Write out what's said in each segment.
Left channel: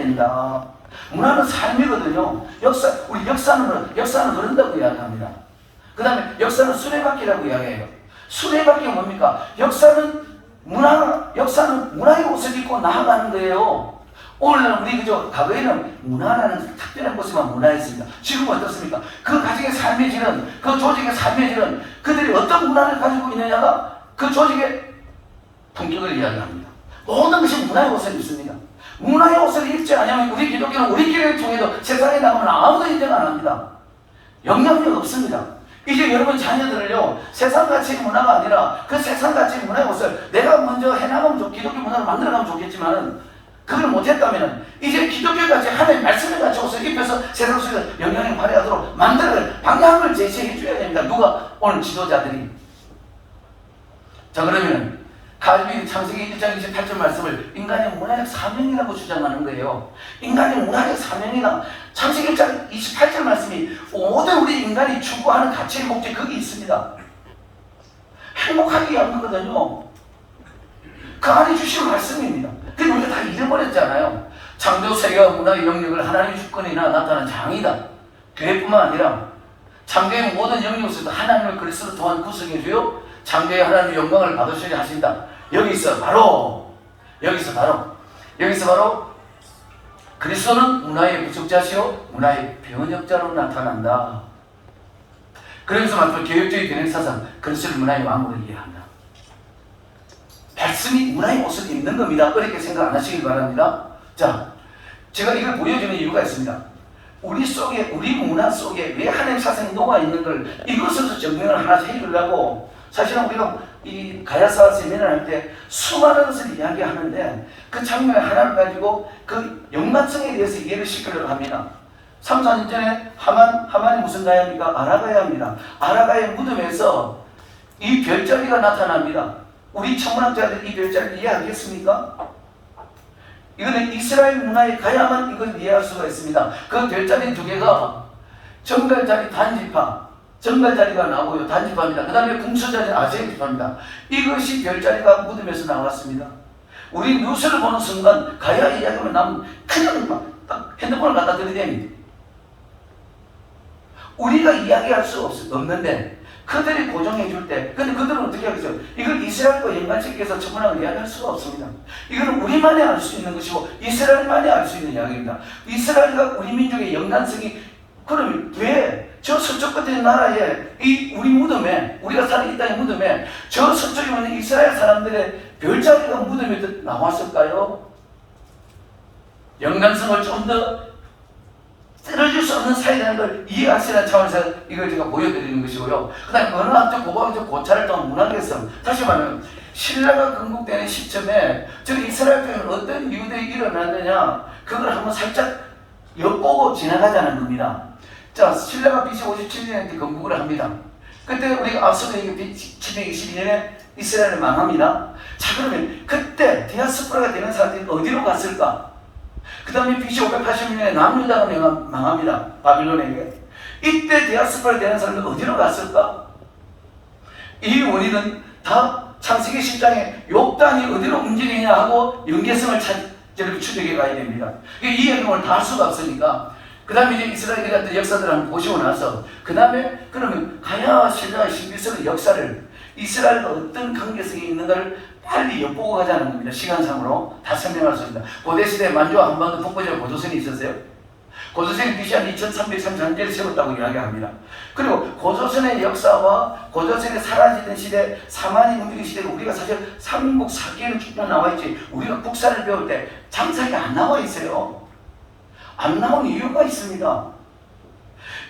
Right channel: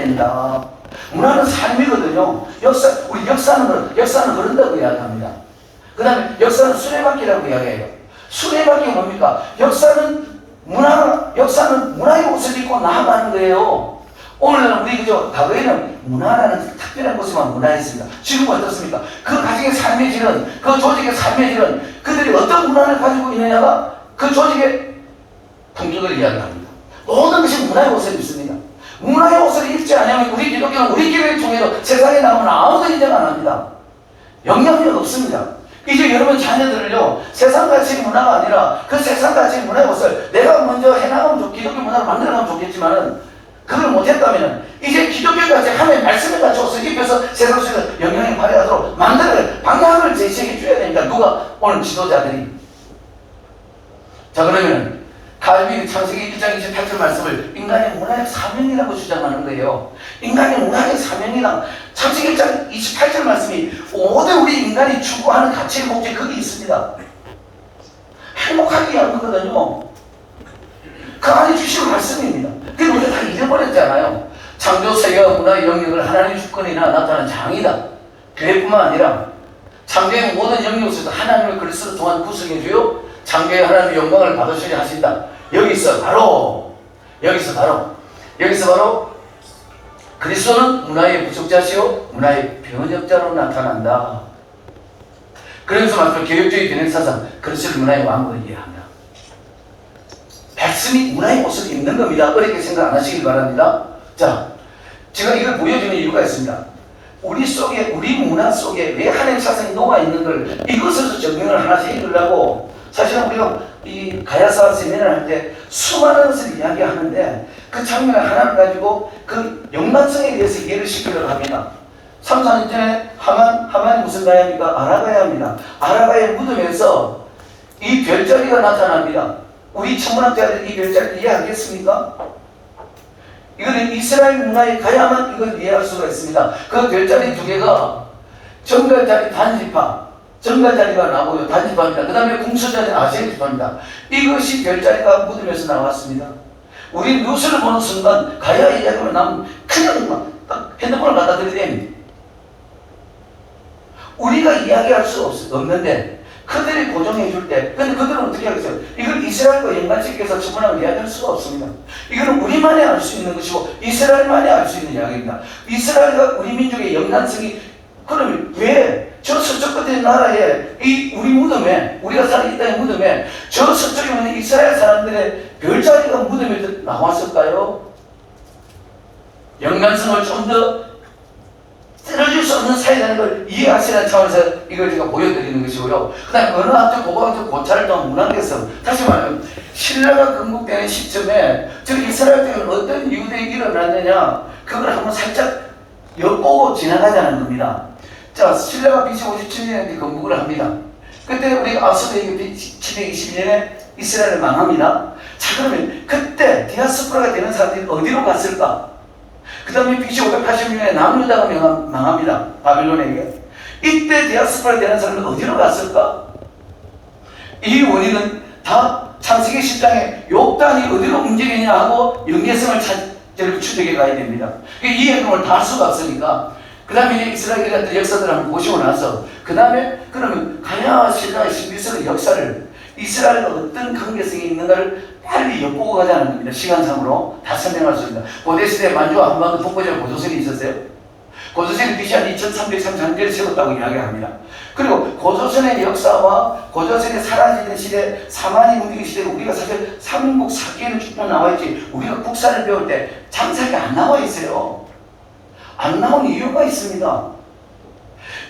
된다. 문화는 삶이거든요. 우리 역사는 그런다고 이야기합니다. 그 다음에 역사는 수레바퀴라고 이야기해요. 수레바퀴가 뭡니까? 역사는 문화의 옷을 입고 나아가는 거예요. 오늘날 우리 과거에는 문화라는 특별한 것에만 문화였습니다. 지금은 어떻습니까? 그 가정의 삶의 질은, 그 조직의 삶의 질은 그들이 어떤 문화를 가지고 있느냐가 그 조직의 품격을 이야기합니다. 모든 것이 문화의 옷을 입습니다. 문화의 옷을 입지 않으면 우리 기독교는 우리끼리 통해서 세상에 나오면 아무도 인정 안 합니다. 영향력 없습니다. 이제 여러분 자녀들을요, 세상같이 문화가 아니라 그 세상같이 문화의 옷을 내가 먼저 해나가면 기독교 문화를 만들어가면 좋겠지만은 그걸 못했다면 이제 기독교같이 하나님의 말씀을 같이 옷을 입혀서 세상 속에서 영향을 발휘하도록 만들어야 방향을 제시해 줘야 됩니다. 누가? 오늘 지도자들이. 자, 그러면 칼빈이 창세기 1장 28절 말씀을 인간의 문화의 사명이라고 주장하는 거예요. 인간의 문화의 사명이란 창세기 1장 28절 말씀이 모든 우리 인간이 추구하는 가치의 목적이 거기 있습니다. 행복하게 하는 거거든요. 그 안에 주신 말씀입니다. 그게 우리가 다 잊어버렸잖아요. 창조 세계와 문화의 영역을 하나님의 주권이나 나타난 장이다. 교회뿐만 아니라 창조의 모든 영역에서도 하나님을 그리스도 통한 구속해주요 창조의 하나님의 영광을 받으시려 하신다. 여기서 바로 그리스도는 문화의 부족자시요 문화의 변혁자로 나타난다. 그러면서 마지막 개혁주의 변혁사상 그리스도를 문화의 왕으로 이해합니다. 백성이 문화의 옷을 입는 겁니다. 어렵게 생각 안 하시길 바랍니다. 자, 제가 이걸 보여주는 이유가 있습니다. 우리 문화 속에 왜 하나님의 사상이 녹아있는 걸 이것에서 정리를 하나씩 해주려고 사실은 우리가 이 가야사 세미나를 할 때 수많은 것을 이야기하는데 그 장면 하나를 가지고 그 연관성에 대해서 이해를 시키려고 합니다. 3, 4년 전에 하만이 무슨 가야입니까? 아라가야입니다. 아라가야 무덤에서 이 별자리가 나타납니다. 우리 천문학자들이 이 별자리를 이해하겠습니까? 이거는 이스라엘 문화에 가야만 이걸 이해할 수가 있습니다. 그 별자리 두 개가 정갈자리 정갈자리가 나오고요. 단지파입니다. 그 다음에 궁수자리는 아세리파입니다. 이것이 별자리가 무덤에서 나왔습니다. 우리 뉴스를 보는 순간 가야의 이야기만 나오면 그냥 딱 핸드폰을 갖다 들이댑니다. 우리가 이야기할 수 없는데 그들이 고정해 줄 때, 근데 그들은 어떻게 하겠어요? 이걸 이스라엘과 연관시켜서 천문학을 이야기할 수가 없습니다. 이거는 우리만이 알 수 있는 것이고 이스라엘만이 알 수 있는 이야기입니다. 이스라엘과 우리 민족의 연관성이 그러면 왜 저 서쪽 끝에 나라에 이 우리 무덤에 우리가 사는 이 땅의 무덤에 저 서쪽에 있는 이스라엘 사람들의 별자리가 무덤에 나왔을까요? 연관성을 좀 더 쓰러질 수 없는 사이라는 걸 이해하시는 차원에서 이걸 제가 보여드리는 것이고요. 그 다음에 어느 한쪽 고고학적 고찰을 좀 문학에서 다시 말하면 신라가 건국되는 시점에 저 이스라엘 때는 어떤 이유들이 일어났느냐 그걸 한번 살짝 엿보고 지나가자는 겁니다. 자, 신라가 BC 57년에 건국을 합니다. 그때 우리가 앞서도 얘기했듯이 722년에 이스라엘을 망합니다. 자, 그러면 그때 디아스포라가 되는 사람들이 어디로 갔을까? 그 다음에 BC 586년에 남유다가 망합니다. 바빌론에게. 이때 디아스포라 되는 사람은 어디로 갔을까? 이 원인은 다 창세기 10장에 욕단이 어디로 움직이냐 하고 연계성을 추적해 가야 됩니다. 이 행동을 다 할 수가 없으니까 그 다음에 이스라엘의 어떤 역사들을 한번 보시고 나서 그 다음에 그러면 가야 신라의 11세기 역사를 이스라엘과 어떤 관계성이 있는가를 빨리 엿보고 가자는 겁니다. 시간상으로 다 설명할 수 있습니다. 고대시대에 만주와 한반도 북부지역 고조선이 있었어요. 고조선이 BC 한 2333년에 세웠다고 이야기합니다. 그리고 고조선의 역사와 고조선이 사라지는 시대, 사만이 움직이는 시대에 우리가 사실 삼국 사기에는 쭉 나와 있지 우리가 국사를 배울 때 장사가 안 나와 있어요. 안 나온 이유가 있습니다.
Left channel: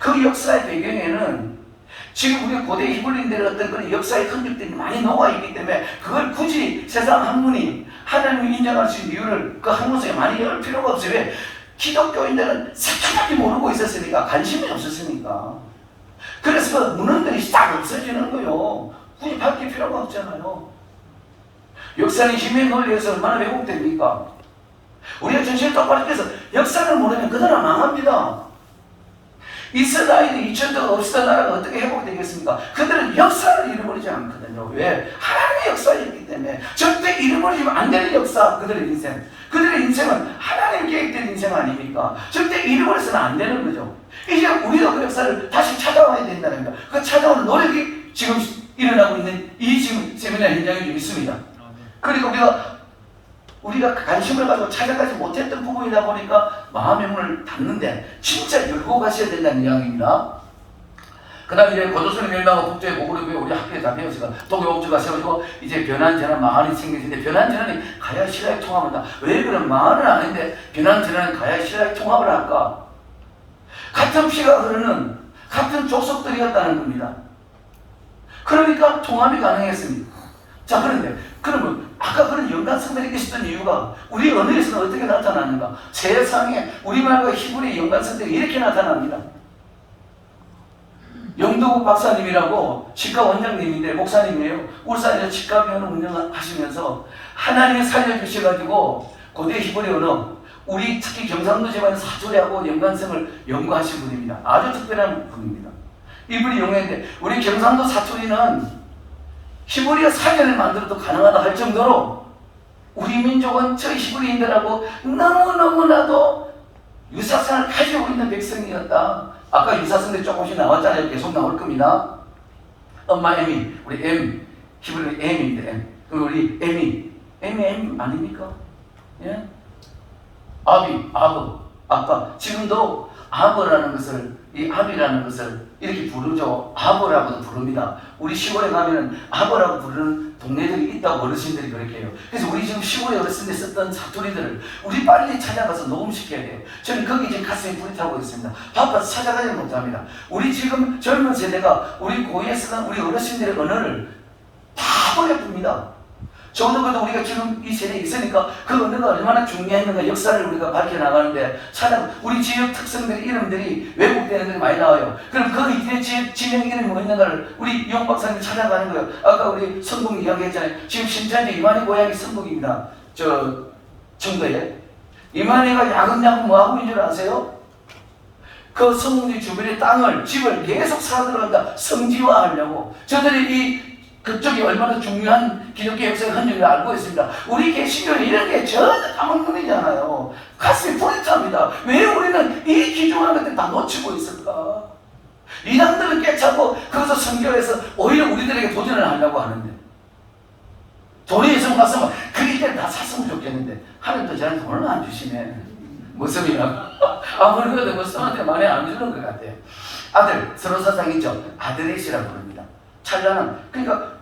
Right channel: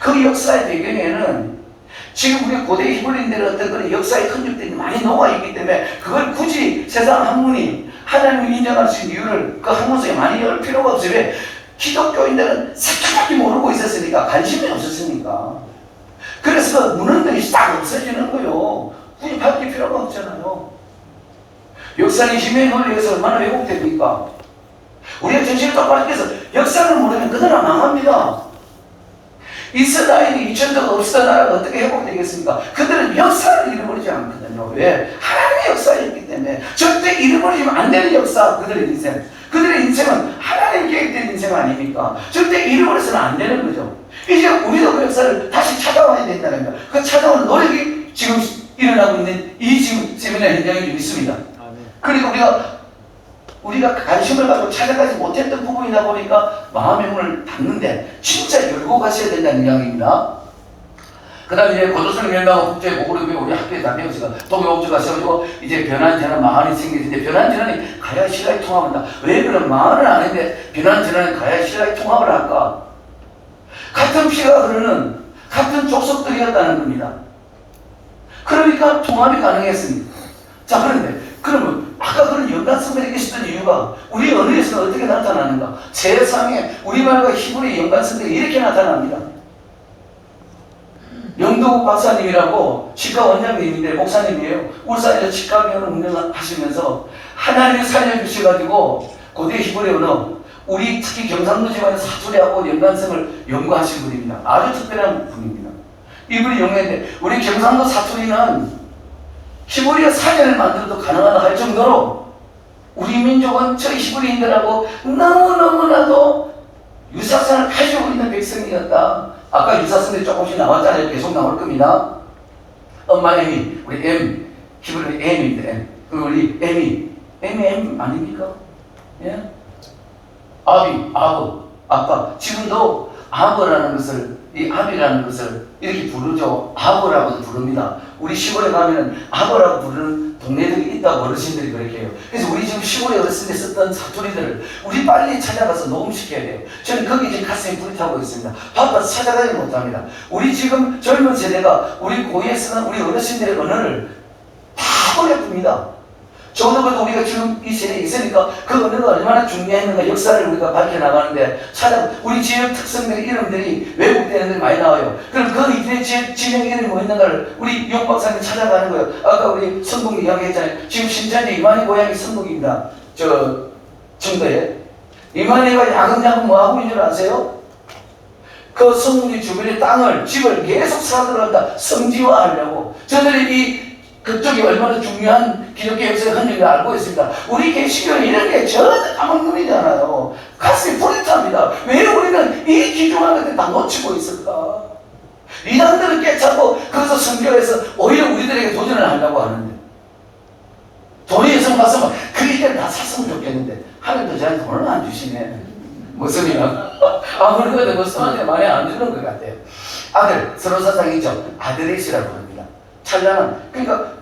그 역사의 배경에는 지금 우리 고대 히브리인들의 어떤 그런 역사의 흔적들이 많이 녹아있기 때문에 그걸 굳이 세상 학문이 하나님을 인정할 수 있는 이유를 그 학문 속에 많이 열 필요가 없어요. 왜? 기독교인들은 색깔밖에 모르고 있었으니까 관심이 없었으니까 그래서 그 문헌들이 딱 없어지는 거예요. 굳이 밝힐 필요가 없잖아요. 역사의 힘에 논리에서 얼마나 왜곡됩니까? 우리가 정신을 똑바로 해서 역사를 모르면 그대로 망합니다. 이스라엘이 2000년 없었던 나라가 어떻게 회복되겠습니까? 그들은 역사를 잃어버리지 않거든요. 왜? 하나님의 역사였기 때문에 절대 잃어버리면 안 되는 역사 그들의 인생. 그들의 인생은 하나님 계획된 인생 아닙니까? 절대 잃어버려서는 안 되는 거죠. 이제 우리도 그 역사를 다시 찾아와야 된다는 겁니다. 그 찾아오는 노력이 지금 일어나고 있는 이 지금 세미나 현장에 좀 있습니다. 그러니까 우리가 관심을 가지고 찾아가지 못했던 부분이다 보니까 마음의 문을 닫는데 진짜 열고 가셔야 된다는 이야기입니다. 그 다음에 이제 고도선의 멸망과 국제의 보고를 우리 학교에 다 배웠어요. 독일 옥주 가셔가지고 이제 변환전환 망한이 생기는데 변환전환이 가야 신라에 통합한다. 왜 그런 망한은 아닌데 변환전환이 가야 신라에 통합을 할까? 같은 피가 흐르는 같은 족속들이었다는 겁니다. 그러니까 통합이 가능했습니다. 자, 그런데 그러면 아까 그런 연관성들이 있었던 이유가 우리 언어에서는 어떻게 나타나는가? 세상에 우리말과 히브리의 연관성들이 이렇게 나타납니다. 영도국 박사님이라고 치과 원장님인데 목사님이에요. 울산에서 치과병원을 운영하시면서 하나님이 살려주셔가지고 고대 히브리 언어, 우리 특히 경상도 지방의 사투리하고 연관성을 연구하신 분입니다. 아주 특별한 분입니다. 이분이 연구했는데 우리 경상도 사투리는 히브리어 사전을 만들어도 가능하다 할 정도로 우리 민족은 저 히브리인들하고 너무너무나도 유사성을 가지고 있는 백성이었다. 아까 유사성이 조금씩 나왔잖아요. 계속 나올 겁니다. 엄마 M이 우리 M, 히브리 M인데 M. 그리고 우리 M이 M 아닙니까? 예? 아비, 아버, 아빠. 지금도 아버라는 것을, 이 아비라는 것을 이렇게 부르죠. 아버라고 부릅니다. 우리 시골에 가면은 아버라고 부르는 동네들이 있다고 어르신들이 그렇게 해요. 그래서 우리 지금 시골에 어렸을 때 썼던 사투리들을 우리 빨리 찾아가서 녹음시켜야 돼요. 저는 거기 지금 가슴이 불타고 있습니다. 바빠서 찾아가지 못합니다. 우리 지금 젊은 세대가 우리 고유에 쓰는 우리 어르신들의 언어를 다 버려둡니다. 적어도 우리가 지금 이 세대에 있으니까 그 언어가 얼마나 중요했는가 역사를 우리가 밝혀나가는데 우리 지역 특성들의 이름들이 왜곡되는 것들이 많이 나와요. 그럼 그 이들의 지역 이름이 뭐 있는가를 우리 용 박사님 찾아가는 거예요. 아까 우리 성북 이야기했잖아요. 지금 신천지 이만희 고향이 성북입니다. 저 청도에. 이만희가 야금야금 뭐 하고 있는 줄 아세요? 그 성북이 주변의 땅을, 집을 계속 사들어간다. 성지화하려고. 저들이 그쪽이 얼마나 중요한 기독교 역사의 한 줄을 알고 있습니다. 우리 개신교는 이런 게 전혀 까먹는지 않아요. 가슴이 불이 탑니다. 왜 우리는 이 귀중한 것들 다 놓치고 있을까? 이단들은 깨차고 거기서 성교해서 오히려 우리들에게 도전을 하려고 하는데 돈이 예성 갔으면 그 일을 다 샀으면 좋겠는데 하나님도 저한테 돈을 안 주시네. 무슨이야? 아무리 그래도 뭐 선한테 많이 안 주는 것 같아요. 아들, 서로 사상이죠. 아들의시라고 부릅니다. 찬란한, 그러니까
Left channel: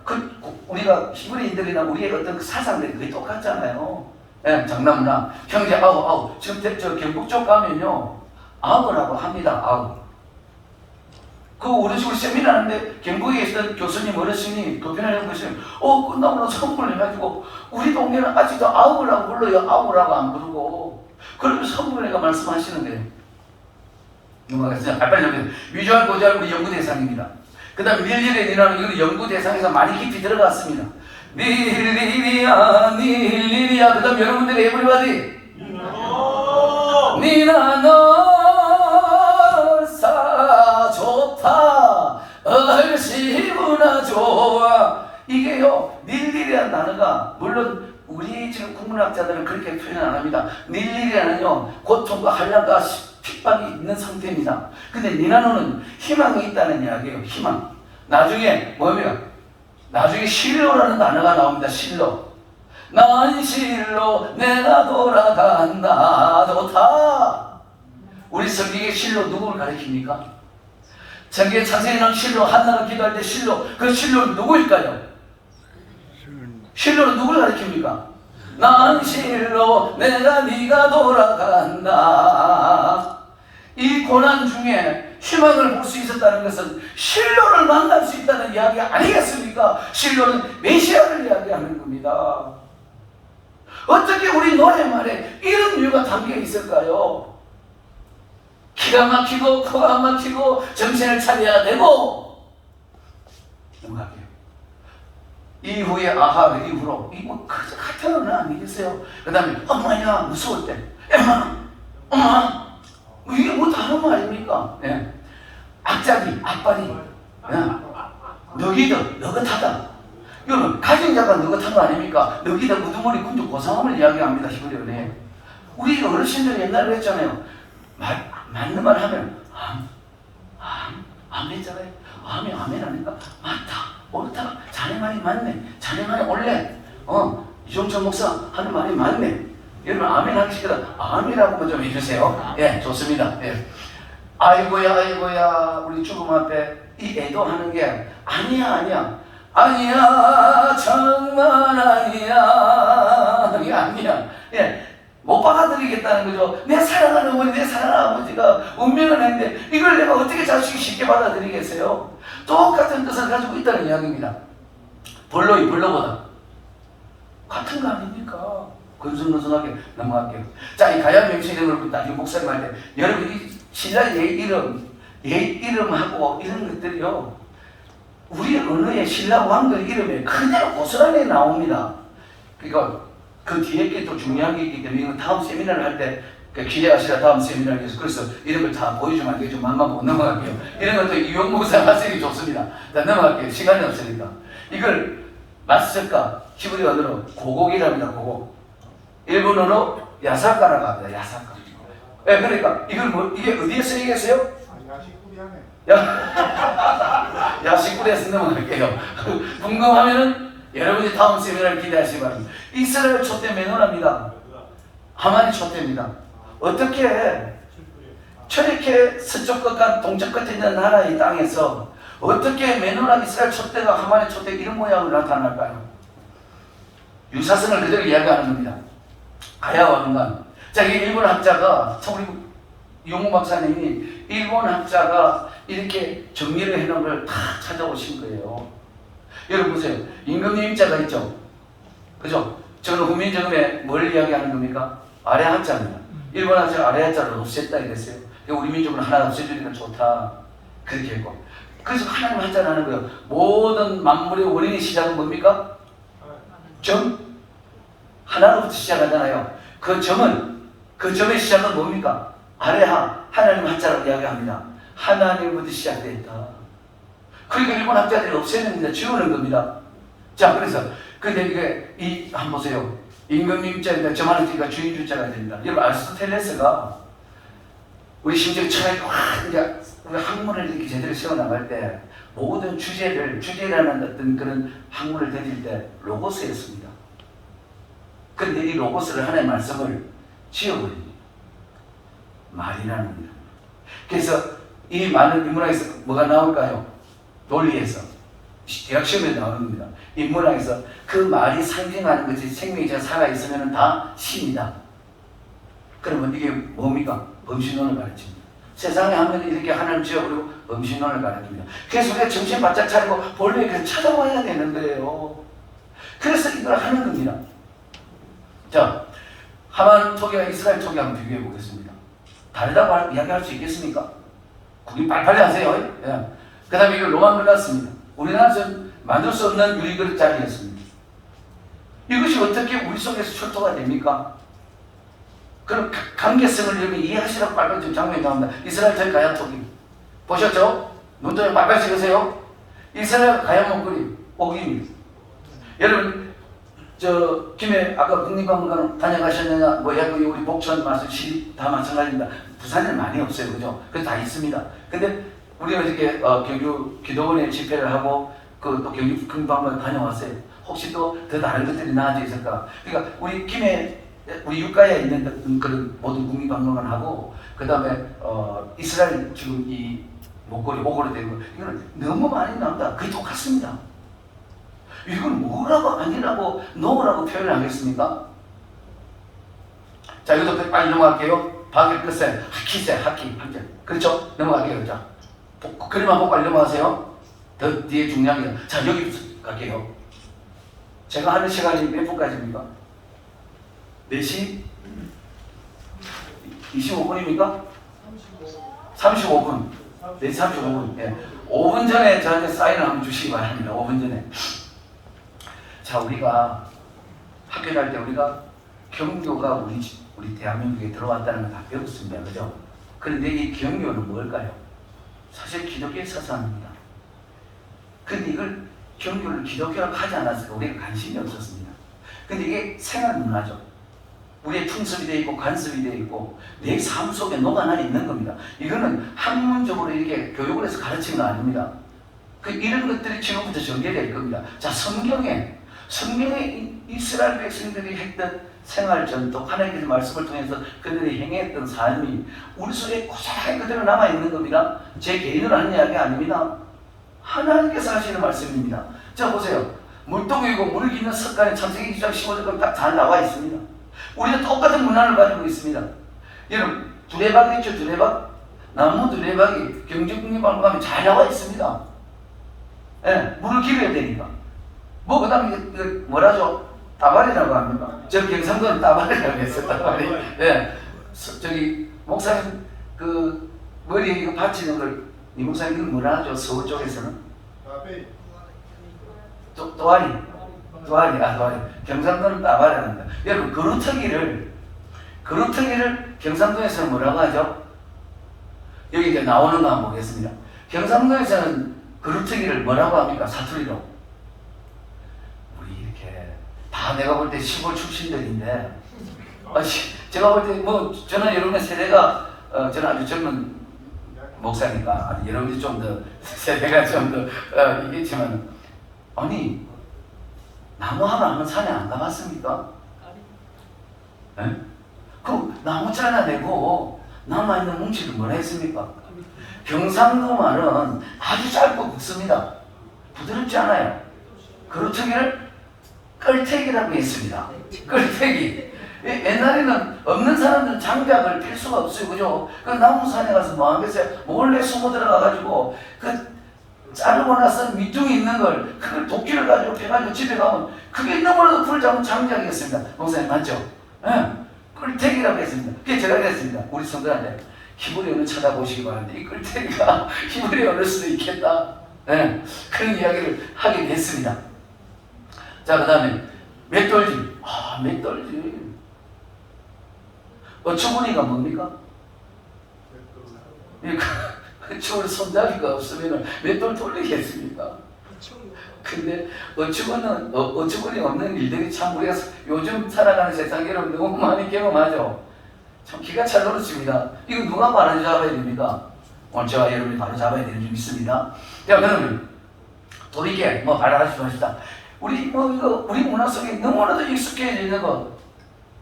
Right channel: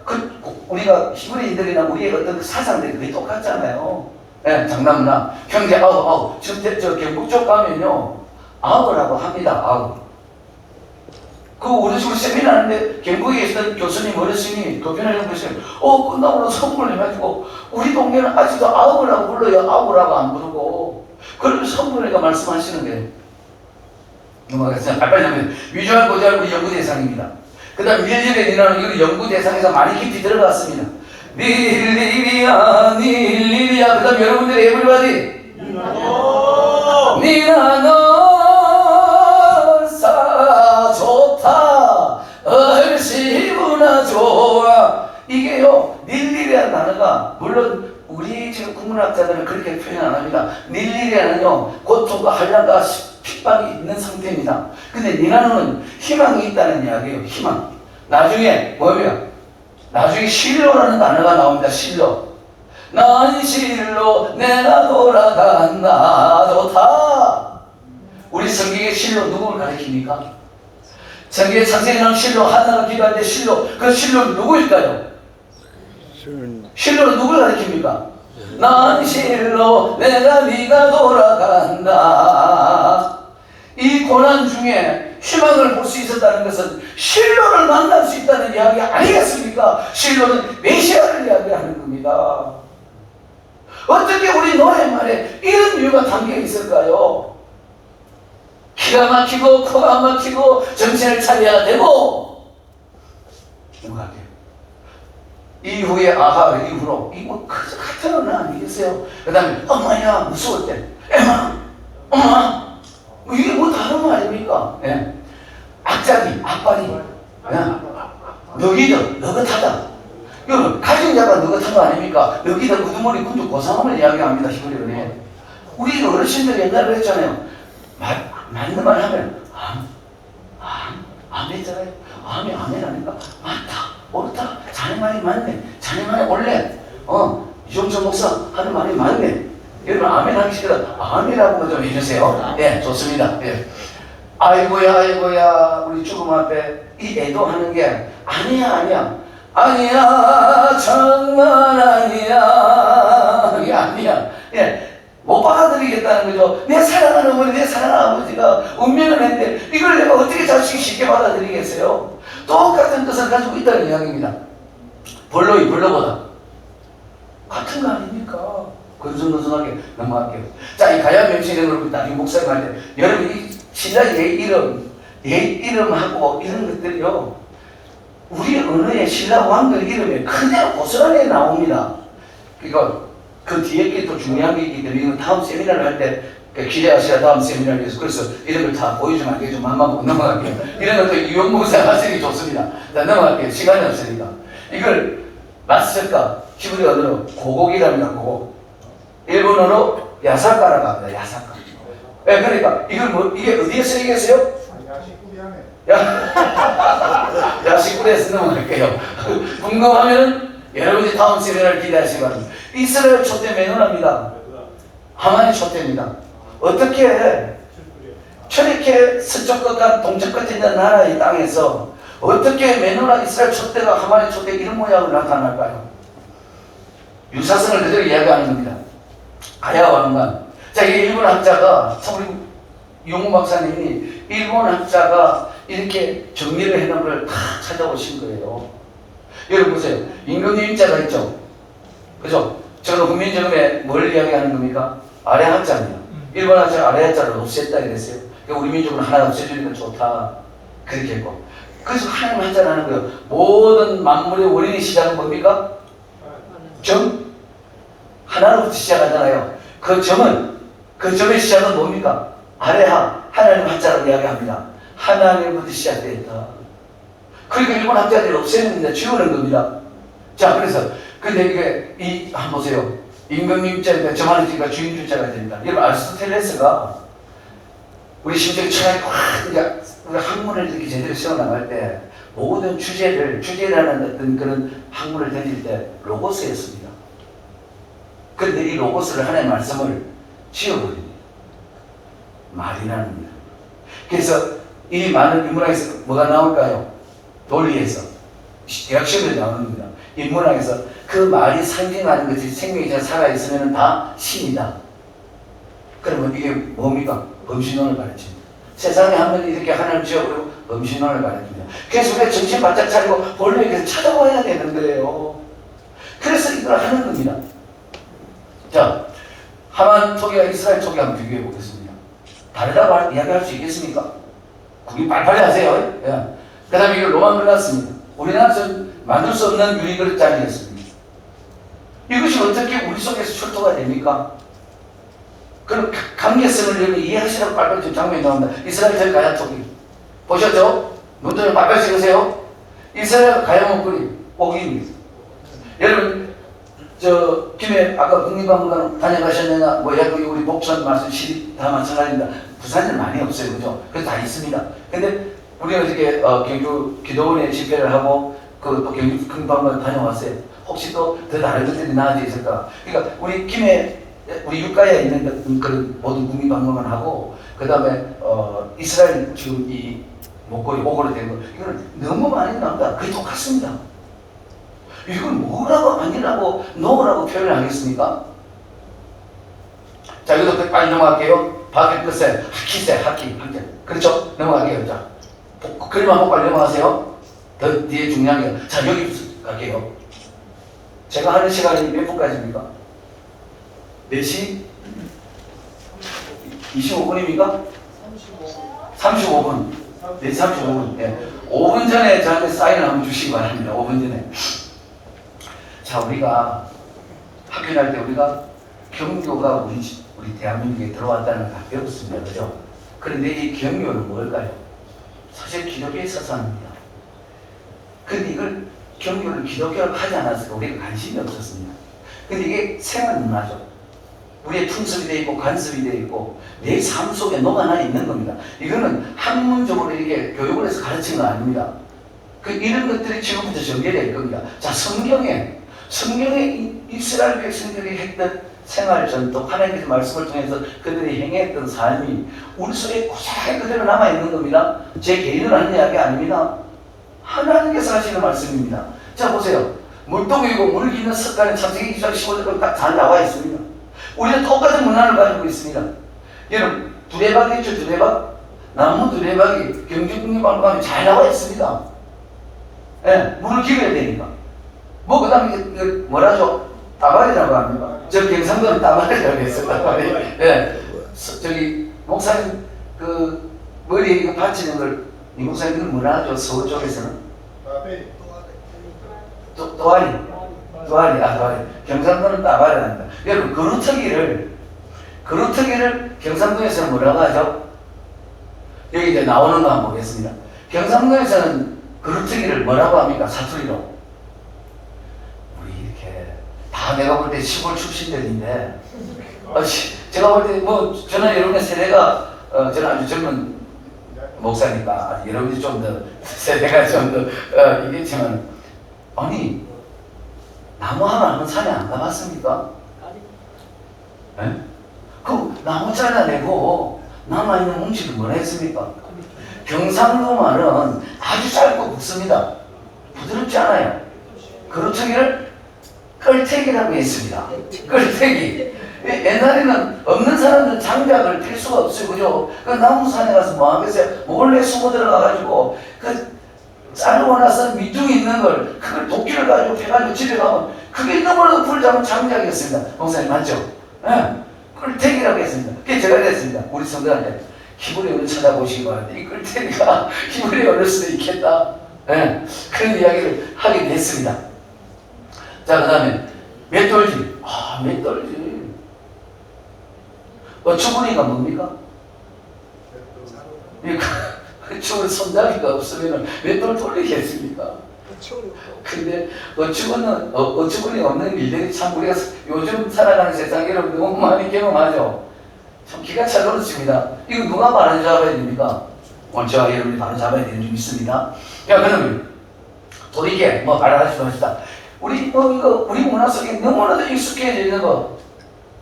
우리가 히브리인들이나 우리의 어떤 사상들이 거의 똑같잖아요. 예, 장난문화, 형제 아우. 지금 저 경북 쪽 가면요, 아우라고 합니다. 아우. 그 우리 지금 세미나 하는데 경북에 계시던 교수님 어르신이 도편을 해보시면 끝나고 선물을 해가지고 우리 동네는 아직도 아우라고 불러요. 아우라고 안 부르고. 그리고 선물이가 말씀하시는 거예요. 넘어가겠습니다. 빨리 넘어가세요. 위조한 고자는 우리 연구 대상입니다. 그 다음 릴리리라는 이거 연구 대상에서 많이 깊이 들어갔습니다. 릴리리야 릴리리야. 그 다음 여러분들이 에브리바디 니나 너사 좋다 얼씨구나 좋아. 이게요 릴리리라는 단어가 물론 우리 지금 국문학자들은 그렇게 표현 안 합니다. 릴리리는요 고통과 한량과 핍박이 있는 상태입니다. 근데 니나노는 희망이 있다는 이야기예요. 희망. 나중에 뭐면 나중에 실로라는 단어가 나옵니다. 실로. 난 실로 내가 돌아간다 좋다. 우리 성경의 실로 누구를 가리킵니까? 성경의 창세기 나온 실로 하나가 기도할 때 실로. 그 실로는 누구일까요? 실로는 누구를 가리킵니까? 난 실로 내가 네가 돌아간다. 이 고난 중에 희망을 볼 수 있었다는 것은 실로를 만날 수 있다는 이야기 아니겠습니까? 실로는 메시아를 이야기하는 겁니다. 어떻게 우리 노래말에 이런 이유가 담겨 있을까요? 기가 막히고 코가 막히고 정신을 차려야 되고 생각해요. 이후에 아하 이후로 이거 그저 같은 언어 아니겠어요? 그 다음에 엄마야 무서울 때 엄마 이게 뭐 다른 거 아닙니까? 예. 악자기, 악바리, 너기더, 너긋하다. 여러분, 가진 자가 느긋한 거 아닙니까? 여기다 우두머리 군주 고상함을 이야기합니다. 히브리어에. 우리 어르신들이 옛날에 그랬잖아요. 맞는 말 하면 암 했잖아요. 암이 아멘 아닌가? 맞다, 옳다, 자네 말이 맞네, 자네 말이 옳네. 이종철 목사 하는 말이 맞네. 여러분 아멘 하기 싫어 아멘이라고 좀 해주세요. 예, 좋습니다. 예. 아이고야 우리 죽음 앞에 이 애도하는 게 아니야 정말 아니야. 이게 아니야. 예, 못 받아들이겠다는 거죠. 내 사랑하는 어머니, 내 사랑하는 아버지가 운명을 했는데 이걸 내가 어떻게 자식이 쉽게 받아들이겠어요? 똑같은 뜻을 가지고 있다는 이야기입니다. 벌로보다 같은 거 아닙니까? 건성건성하게 넘어갈게요. 자, 이 가야 명칭에 그렇다. 이 목사님 할 때 여러분 이 신라 옛 이름하고 이런 것들이요, 우리 언어의 신라 왕들 이름에 그대로 고스란히 나옵니다. 그러니까 그 뒤에 또 중요한 게 있기 때문에 이건 다음 세미나를 할 때 기대하시라. 다음 세미나를 위해서. 그래서 이런 걸 다 보여주면 안 되죠. 맘만 보고 넘어갈게요. 이런 것도 유용무사 하시기 좋습니다. 자, 넘어갈게요. 시간이 없으니까. 이걸 낯설까 히브리 언어로 고곡이랍니다. 고곡. 일본어로 야사카라고 합니다. 야사카. 네, 그러니까 이게 어디에 쓰이겠어요? 야식구리에서 넘어갈게요. 궁금하면은 여러분이 다음 세미나를 기대하시기 바랍니다. 이스라엘 촛대 매너랍니다. 하만의 촛대입니다. 어떻게 저렇게 서쪽 끝과 동쪽 끝에 있는 나라의 땅에서 어떻게 매너나 이스라엘 촛대가 하만의 촛대 이런 모양으로 나타날까요? 유사성을 그대로 이야기하는 겁니다. 가야 왕관. 자, 이게 일본 학자가, 우리 용호 박사님이 일본 학자가 이렇게 정리를 해놓은 걸 다 찾아오신 거예요. 여러분 보세요. 임금님자가 있죠. 그죠? 저는 국민정음에 뭘 이야기하는 겁니까? 아래 학자입니다. 일본 학자가 아래 학자를 없앴다 이랬어요. 우리 민족은 하나 없애주니까 좋다. 그렇게 했고. 그래서 하나님 학자를 하는 거예요. 모든 만물의 원인의 시작은 뭡니까? 점? 하나로부터 시작하잖아요. 그 점의 시작은 뭡니까? 아래하, 하나님 학자라고 이야기합니다. 하나님부터 시작되었다. 그러니까 일본 학자들이 없애는데 지우는 겁니다. 자, 그래서 근데 이게 한번 보세요. 임금님자인데 저만의 지가 주인줄자가 된다. 여러분 아리스토텔레스가 우리 심지어 처음에 우리 학문을 이렇게 제대로 세워나갈 때 모든 주제라는 어떤 그런 학문을 던질 때 로고스였습니다. 그런데 이 로고스를 하나의 말씀을 지어버립니다. 말이라는 거. 그래서 이 많은 인문학에서 뭐가 나올까요? 논리에서 대학 시험에 나오는 겁니다. 인문학에서 그 말이 상징하는 것이 생명이 살아있으면 다 신이다. 그러면 이게 뭡니까? 범신론을 가르칩니다. 세상에 하면 이렇게 하나님 지어버리고 범신론을 가르칩니다. 그래서 우리가 정신 바짝 차리고 본래 계속 찾아봐야 되는 거예요. 그래서 이걸 하는 겁니다. 자, 하만 토기와 이스라엘 토기 한번 비교해 보겠습니다. 다르다고 이야기할 수 있겠습니까? 국민 빨리빨리 하세요. 예. 그 다음에 이걸 로만 그렸습니다. 우리나라에서 만들 수 없는 유리그릇짜리였습니다. 이것이 어떻게 우리 속에서 출토가 됩니까? 그럼 관계성을 여러분 이해하시라고 빨리빨리 지금 장면이 나옵니다. 이스라엘 저희 가야 토기 보셨죠? 눈동에 빨리빨리 찍으세요. 이스라엘 가야 먹거리 오기입니다. 여러분 김해 아까 국립박물관 다녀가셨느냐, 여기 우리 목천 마술 시립 다 마찬가지입니다. 부산에는 많이 없어요, 그죠? 그래서 다 있습니다. 근데 우리가 이렇게 경주 기도원에 집회를 하고 또 경주 국립박물관 다녀왔어요. 혹시 또 더 다른 것들이 나아져 있을까? 그러니까 우리 김해 우리 육가에 있는 그런 모든 국립박물관하고 그 다음에 이스라엘 지금 이 목걸이 오고로 된 거 이거는 너무 많이 나온다. 그게 똑같습니다. 이건 뭐라고 아니라고 노라고 표현을 하겠습니까? 자, 이것도 빨리 넘어갈게요. 박일 끝에 하키. 그렇죠? 넘어가게요. 자, 그림 한번 빨리 넘어가세요. 더 뒤에 중요한 게. 자, 여기 갈게요. 제가 하는 시간이 몇 분까지입니까? 4시 25분입니까? 35분. 4시 35분. 예. 5분 전에 저한테 사인을 한번 주시기 바랍니다. 5분 전에. 자, 우리가 학교 다닐 때 우리가 경교가 우리 대한민국에 들어왔다는 걸 다 배웠습니다. 그죠? 그런데 이 경교는 뭘까요? 사실 기독교의 사상입니다. 그런데 이걸 경유를 기독교를 하지 않았을까? 우리가 관심이 없었습니다. 근데 이게 생활 문화죠. 우리의 풍습이 되어 있고 관습이 되어 있고 내 삶 속에 녹아나 있는 겁니다. 이거는 학문적으로 이렇게 교육을 해서 가르치는 건 아닙니다. 이런 것들이 지금부터 전개될 겁니다. 자, 성경에 이스라엘 백성들이 했던 생활 전통, 하나님의 말씀을 통해서 그들이 행했던 삶이 우리 속에 고스란히 그대로 남아있는 겁니다. 제 개인으로 하는 이야기 아닙니다. 하나님께서 하시는 말씀입니다. 자, 보세요. 물동이고 물 기는 습관이 창세기 2장 15절로 딱 잘 나와 있습니다. 우리는 똑같은 문화를 가지고 있습니다. 여러분, 두레박 있죠? 두레박? 나무 두레박이 경제국립박물관에 가면 잘 나와 있습니다. 예, 물을 기려야 되니까. 뭐, 그 다음에, 뭐라죠? 따발이라고 합니다. 저 경상도는 따발이라고 했어요, 따발이. 예. 저기, 목사님, 머리에 이거 받치는 걸, 이 목사님 이걸 뭐라 하죠? 서울 쪽에서는? 또아리. 또아리. 경상도는 따발이라 합니다. 여러분, 그루터기를 경상도에서는 뭐라고 하죠? 여기 이제 나오는 거 한번 보겠습니다. 경상도에서는 그루터기를 뭐라고 합니까? 사투리로. 우리 이렇게 다 내가 볼 때 시골 출신들인데 제가 볼 때 저는 여러분의 세대가 저는 아주 젊은 목사니까 여러분이 좀 더 세대가 좀 더 이겠지만 아니 나무 하나 한번 산에 안 가봤습니까? 네? 그 나무 잘라내고 남아있는 뭉치를 뭐라 했습니까? 경상도 말은 아주 짧고 굵습니다. 부드럽지 않아요. 그루터기를 끌태기라고 했습니다. 끌태기. 옛날에는 없는 사람들은 장작을 필 수가 없어요. 그죠? 그 나무산에 가서 뭐 하겠어요? 몰래 숨어 들어가가지고 자르고 나서 밑둥이 있는 걸 그걸 도끼를 가지고 해가지고 집에 가면 그게 너무나도 불을 잡은 장작이었습니다. 목사님 맞죠? 네. 끌태기라고 했습니다. 그게 제가 그랬습니다. 우리 성도한테 희물의 얼을 쳐다보시기 바랍니다. 이 끌태기가 희물의 얼을 수도 있겠다. 네. 그런 이야기를 하게 됐습니다. 자, 그 다음에 맷돌지. 맷돌지. 어처구니가 뭡니까? 어처구니 손잡이가 없으면 맷돌 돌리겠습니까? 근데 어처구니가 없는 일들이 참 우리가 요즘 살아가는 세상에 여러분 너무 많이 경험하죠. 참 기가 차더럽습니다. 이거 누가 바로 잡아야 됩니까? 제가 여러분이 바로 잡아야 되는 줄 믿습니다. 자, 그러면 돌이게 말하지 맙시다. 우리 문화 속에 너무나도 익숙해져 있는 거.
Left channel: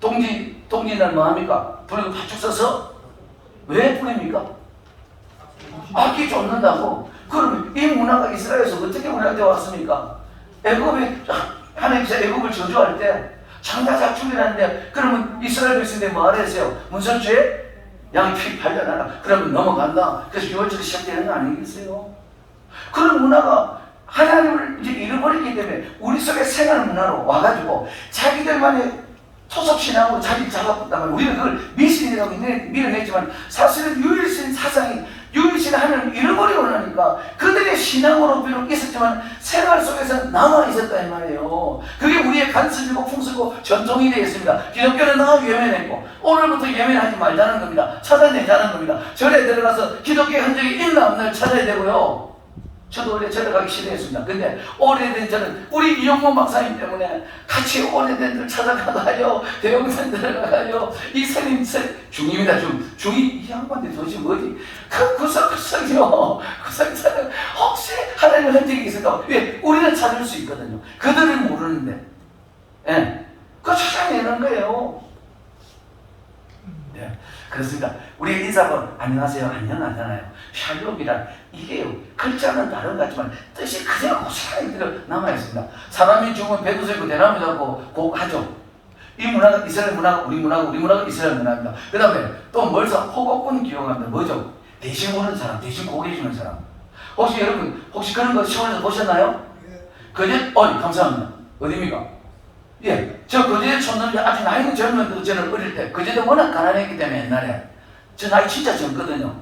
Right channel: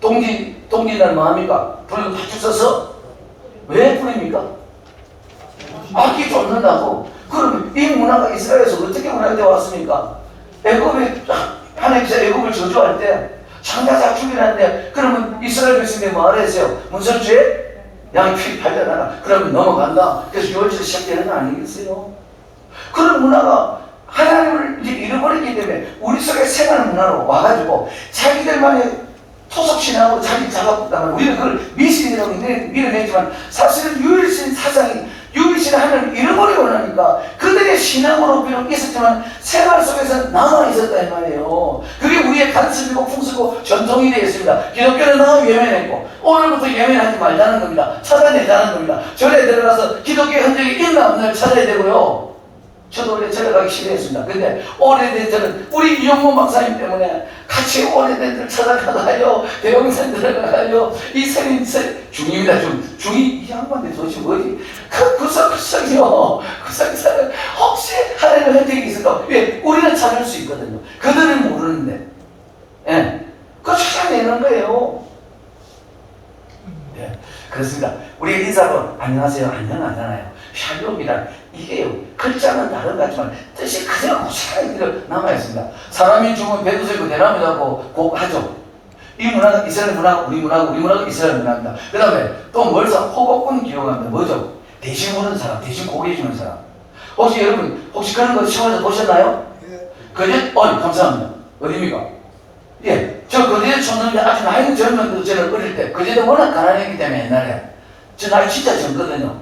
동지날 뭐 합니까? 불을 파죽 써서 왜 뿌립니까? 악기 쫓는다고. 그럼 이 문화가 이스라엘에서 어떻게 문화되어 왔습니까? 하나님께서 애굽을 저주할 때 창자작춤이라는데 그러면 이스라엘 백성들이 뭐 하랬어요? 문설주에 양이 피 팔려나가. 그러면 넘어간다. 그래서 유월절이 시작되는 거 아니겠어요? 그런 문화가 하나님을 이제 잃어버리기 때문에 우리 속에 생활 문화로 와가지고 자기들만의 토속신앙으로 자기 작업했다면 우리는 그걸 미신이라고 밀어내지만 사실은 유일신 사상이 유일신 하나님을 잃어버리고 나니까 그들의 신앙으로 비록 있었지만 생활 속에서 남아있었다 이 말이에요. 그게 우리의 관습이고 풍습이고 전통이 되어 있습니다. 기독교는 너무 예민했고 오늘부터 예민하지 말자는 겁니다. 찾아내자는 겁니다. 절에 들어가서 기독교의 흔적이 있나 없나 찾아야 되고요. 저도 원래 절에 가기 싫어했습니다. 근데 오래된 저는 우리 이영문 박사님 때문에 같이 오래된 들 찾아가요. 대형산 들어가요. 이 스님 중입니다. 중이 이 양반들 도대체 뭐지? 구석구석이요. 구석구석 혹시 하나님의 혜택이 있을까? 왜? 우리는 찾을 수 있거든요. 그들은 모르는데. 예. 그거 찾아내는 거예요. 네. 그렇습니다. 우리가 인사하고 안녕하세요. 안녕하잖아요. 샬롬이란 이게요. 글자는 다른 것 같지만 뜻이 그대로 고스란히 남아있습니다. 사람이 죽으면 배구슬고 대나무라고 하죠. 이 문화가 이스라엘 문화, 우리 문화가 이스라엘 문화입니다. 그 다음에 또 뭘 호곡군 기억합니다. 뭐죠? 대신 보는 사람, 대신 고개 주는 사람. 혹시 여러분 그런 거 시험에서 보셨나요? 그제? 감사합니다. 어디입니까? 예, 저 그제 초년에 아주 많이 젊은 저는 어릴 때 그제도 워낙 가난했기 때문에 옛날에 저 나이 진짜 젊거든요.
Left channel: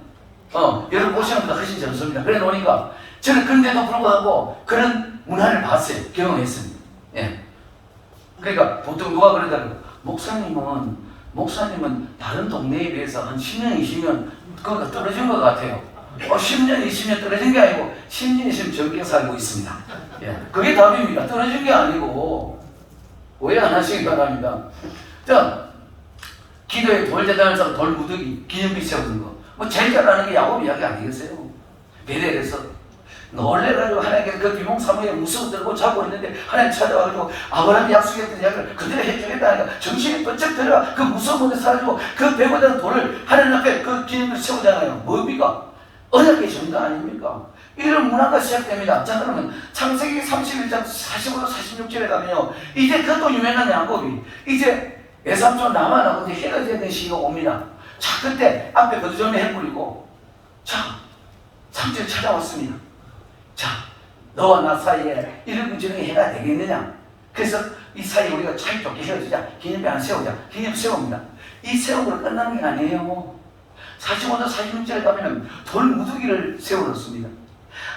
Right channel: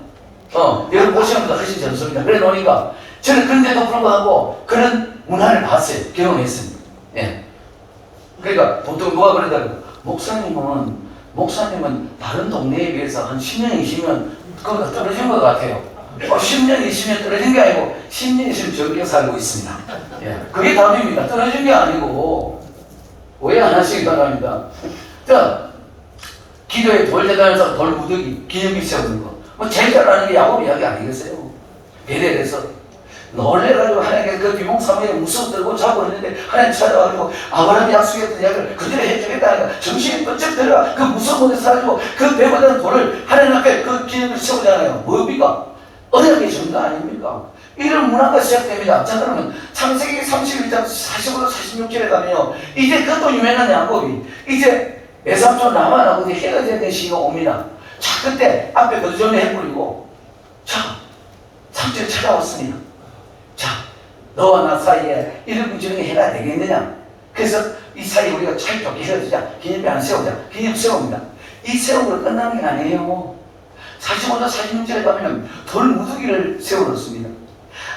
여러분 보시면 훨씬 젊습니다. 그래 놓으니까 저는 그런데도 불구하고 그런 문화를 봤어요. 경험했습니다. 예. 그러니까 보통 누가 그러더라고요. 목사님은 다른 동네에 비해서 한 10년, 20년 그거가 떨어진 것 같아요. 10년, 20년 떨어진 게 아니고 10년, 20년 적게 살고 있습니다. 예, 그게 답입니다. 떨어진 게 아니고 오해 안 하시기 바랍니다. 자, 기도에 돌재단에서 돌무더기 기념비 세우는 거. 뭐 제일 잘하는 게 야곱 이야기 아니겠어요? 베델에서 놀래가지고 하나님께 그 비몽사모에 무서워 들고 자고 있는데 하나님 찾아가지고 아브라함이 약속했던 이야기를 그대로 해주겠다 하니까 정신이 번쩍 들어가 그 무서운 곳에 사가지고 그 배고된 돌을 하나님 앞에 그 기념을 세우잖아요. 뭡니까? 언약의 증거 아닙니까? 이런 문화가 시작됩니다. 자, 그러면 창세기 31장 45로 46절에 가면요. 이제 그것도 유명한 야곱이 이제 외삼촌 라반하고 헤어져야 되는 시기가 옵니다. 자, 그때 앞에 거두절미 해버리고 자, 삼촌이 찾아왔습니다. 자, 너와 나 사이에 이런 문제는 해가 되겠느냐? 그래서 이 사이에 우리가 차이좋게 헤어지자. 기념비 안 세우자. 기념비 세웁니다. 이 세우고 끝나는 게 아니에요. 45장 46절에 가면 돌무더기를 세워놓습니다.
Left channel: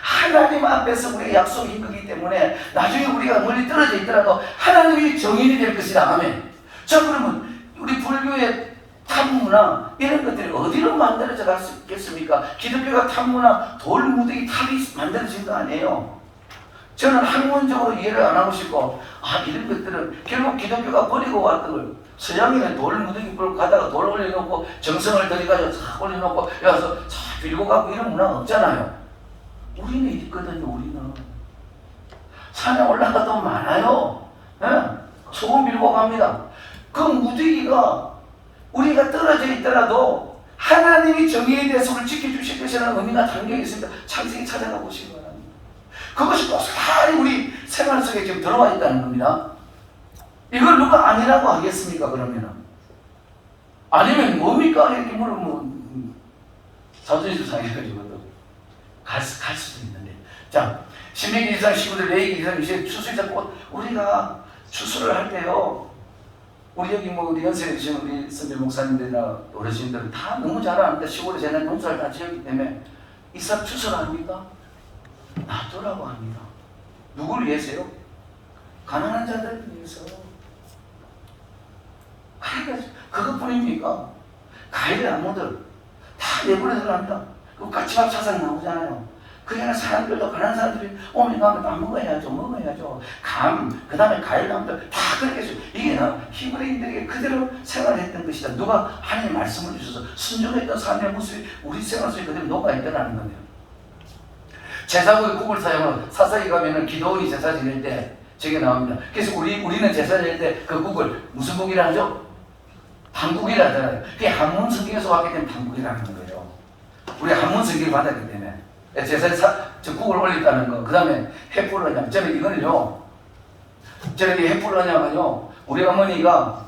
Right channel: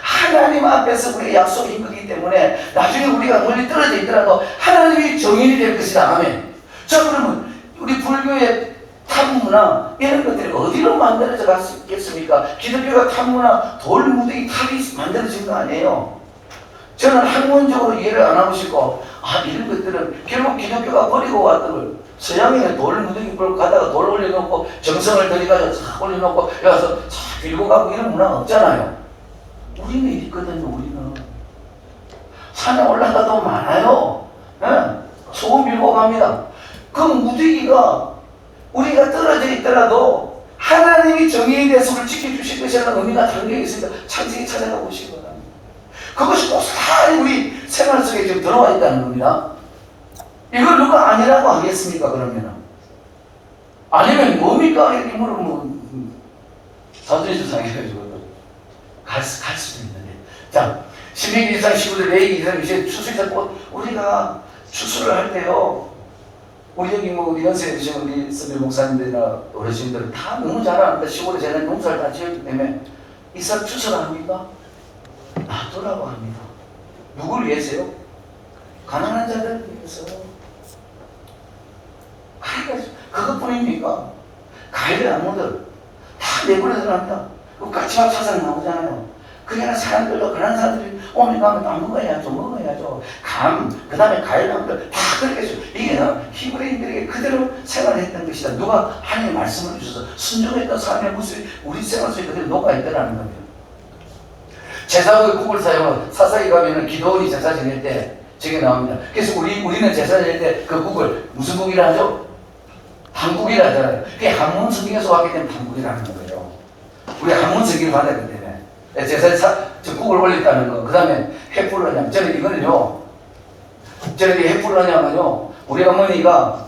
하나님 앞에서 우리의 약속인 거기 때문에 나중에 우리가 멀리 떨어져 있더라도 하나님이 정인이 될 것이다. 아멘. 자, 그러면 우리 불교의 탑문화 이런 것들이 어디로 만들어져 갔겠습니까? 기독교가 탑문화 돌무더기 탑이 만들어진 거 아니에요. 저는 학문적으로 이해를 안 하고 싶고 이런 것들은 결국 기독교가 버리고 왔던 걸 서양에 돌무더기 불 가다가 돌 올려놓고 정성을 들여가지고 싹 올려놓고 여기서 싹 빌고 가고 이런 문화가 없잖아요. 우리는 있거든요. 우리는 산에 올라가도 많아요. 네? 소금 빌고 갑니다. 그 무더기가 우리가 떨어져 있더라도 하나님이 정의의 대속을 지켜주실 것이라는 의미가 담겨 있으니까 창세기 찾아가 보신 거다. 그것이 고스란히 우리 생활 속에 지금 들어와 있다는 겁니다. 이걸 누가 아니라고 하겠습니까? 그러면 아니면 뭡니까? 이렇게 물으면 자존심 상해가지고 갈 수도 있는데. 자, 신명기 2장 15절 레위기 2장 20절 추수자 꽃 우리가 추수를 할 때요. 우리 여기 뭐 우리 연세에 드시는 우리 선배 목사님들이나 어르신들은 다 너무 잘 아는데 시골에 제가 농사를 다 지었기 때문에 이 사람 추수를 합니까? 놔두라고 합니다. 누구를 위해서요? 가난한 자들을 위해서. 그것뿐입니까? 가해를 나무들 다 내버려서 합니다. 그 까치와 차산이 나오잖아요. 그래야 사람들도 그런 사람들이 오면 가면 다 먹어야죠. 그 다음에 과일나무들 다 그렇게 해서 이게 히브리인들에게 그대로 생활했던 것이다. 누가 하나님 말씀을 주셔서 순종했던 삶의 모습이 우리 생활 속에 그대로 녹아있더라는 겁니다. 제사의 국을 사용하고 사사기 가면은 기도원이 제사 지낼 때 저게 나옵니다. 그래서 우리는 제사 지낼 때 그 국을 무슨 국이라 하죠? 단국이라 하잖아요. 그게 한문 성경에서 왔기 때문에 단국이라는 거예요. 우리 한문 성경을 받았기 때문에 제사에 국을 올렸다는 거. 그 다음에 햇불로냐. 저는 이거는요. 저는 이 햇불로냐면요. 우리 어머니가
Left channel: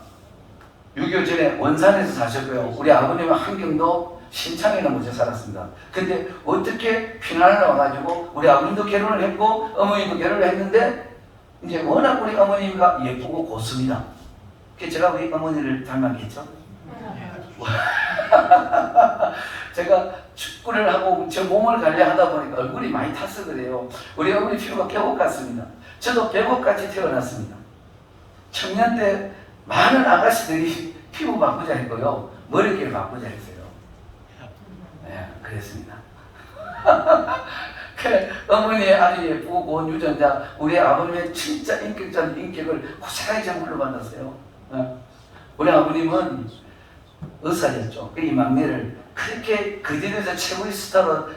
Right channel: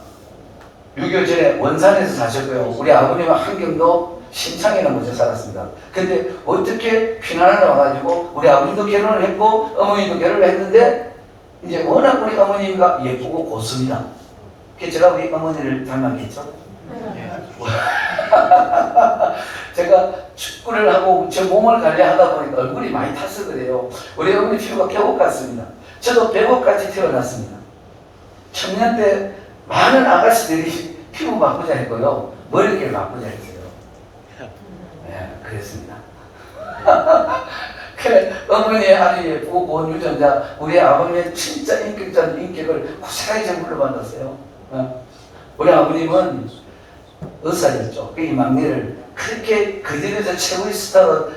6.25 전에 원산에서 사셨고요. 우리 아버님은 한경도 신창이라는 곳에 살았습니다. 근데 어떻게 피난을 와가지고 우리 아버님도 결혼을 했고 어머니도 결혼을 했는데 이제 워낙 우리 어머니가 예쁘고 고습니다. 그래서 제가 우리 어머니를 닮았겠죠. 제가 축구를 하고 제 몸을 관리하다 보니까 얼굴이 많이 탔어 그래요. 우리 어머니 피부가 계곡 같습니다. 저도 배곡같이 태어났습니다. 청년 때 많은 아가씨들이 피부 바꾸자 했고요. 머리를 바꾸자 했어요. 네, 그랬습니다. 그래, 어머니의 아주 예쁘고 고운 유전자, 우리 아버님의 진짜 인격적인 인격을 고스란히 좀 물러받았어요. 우리 아버님은 의사였죠. 이 막내를 그렇게 그들에서 최고의 스타로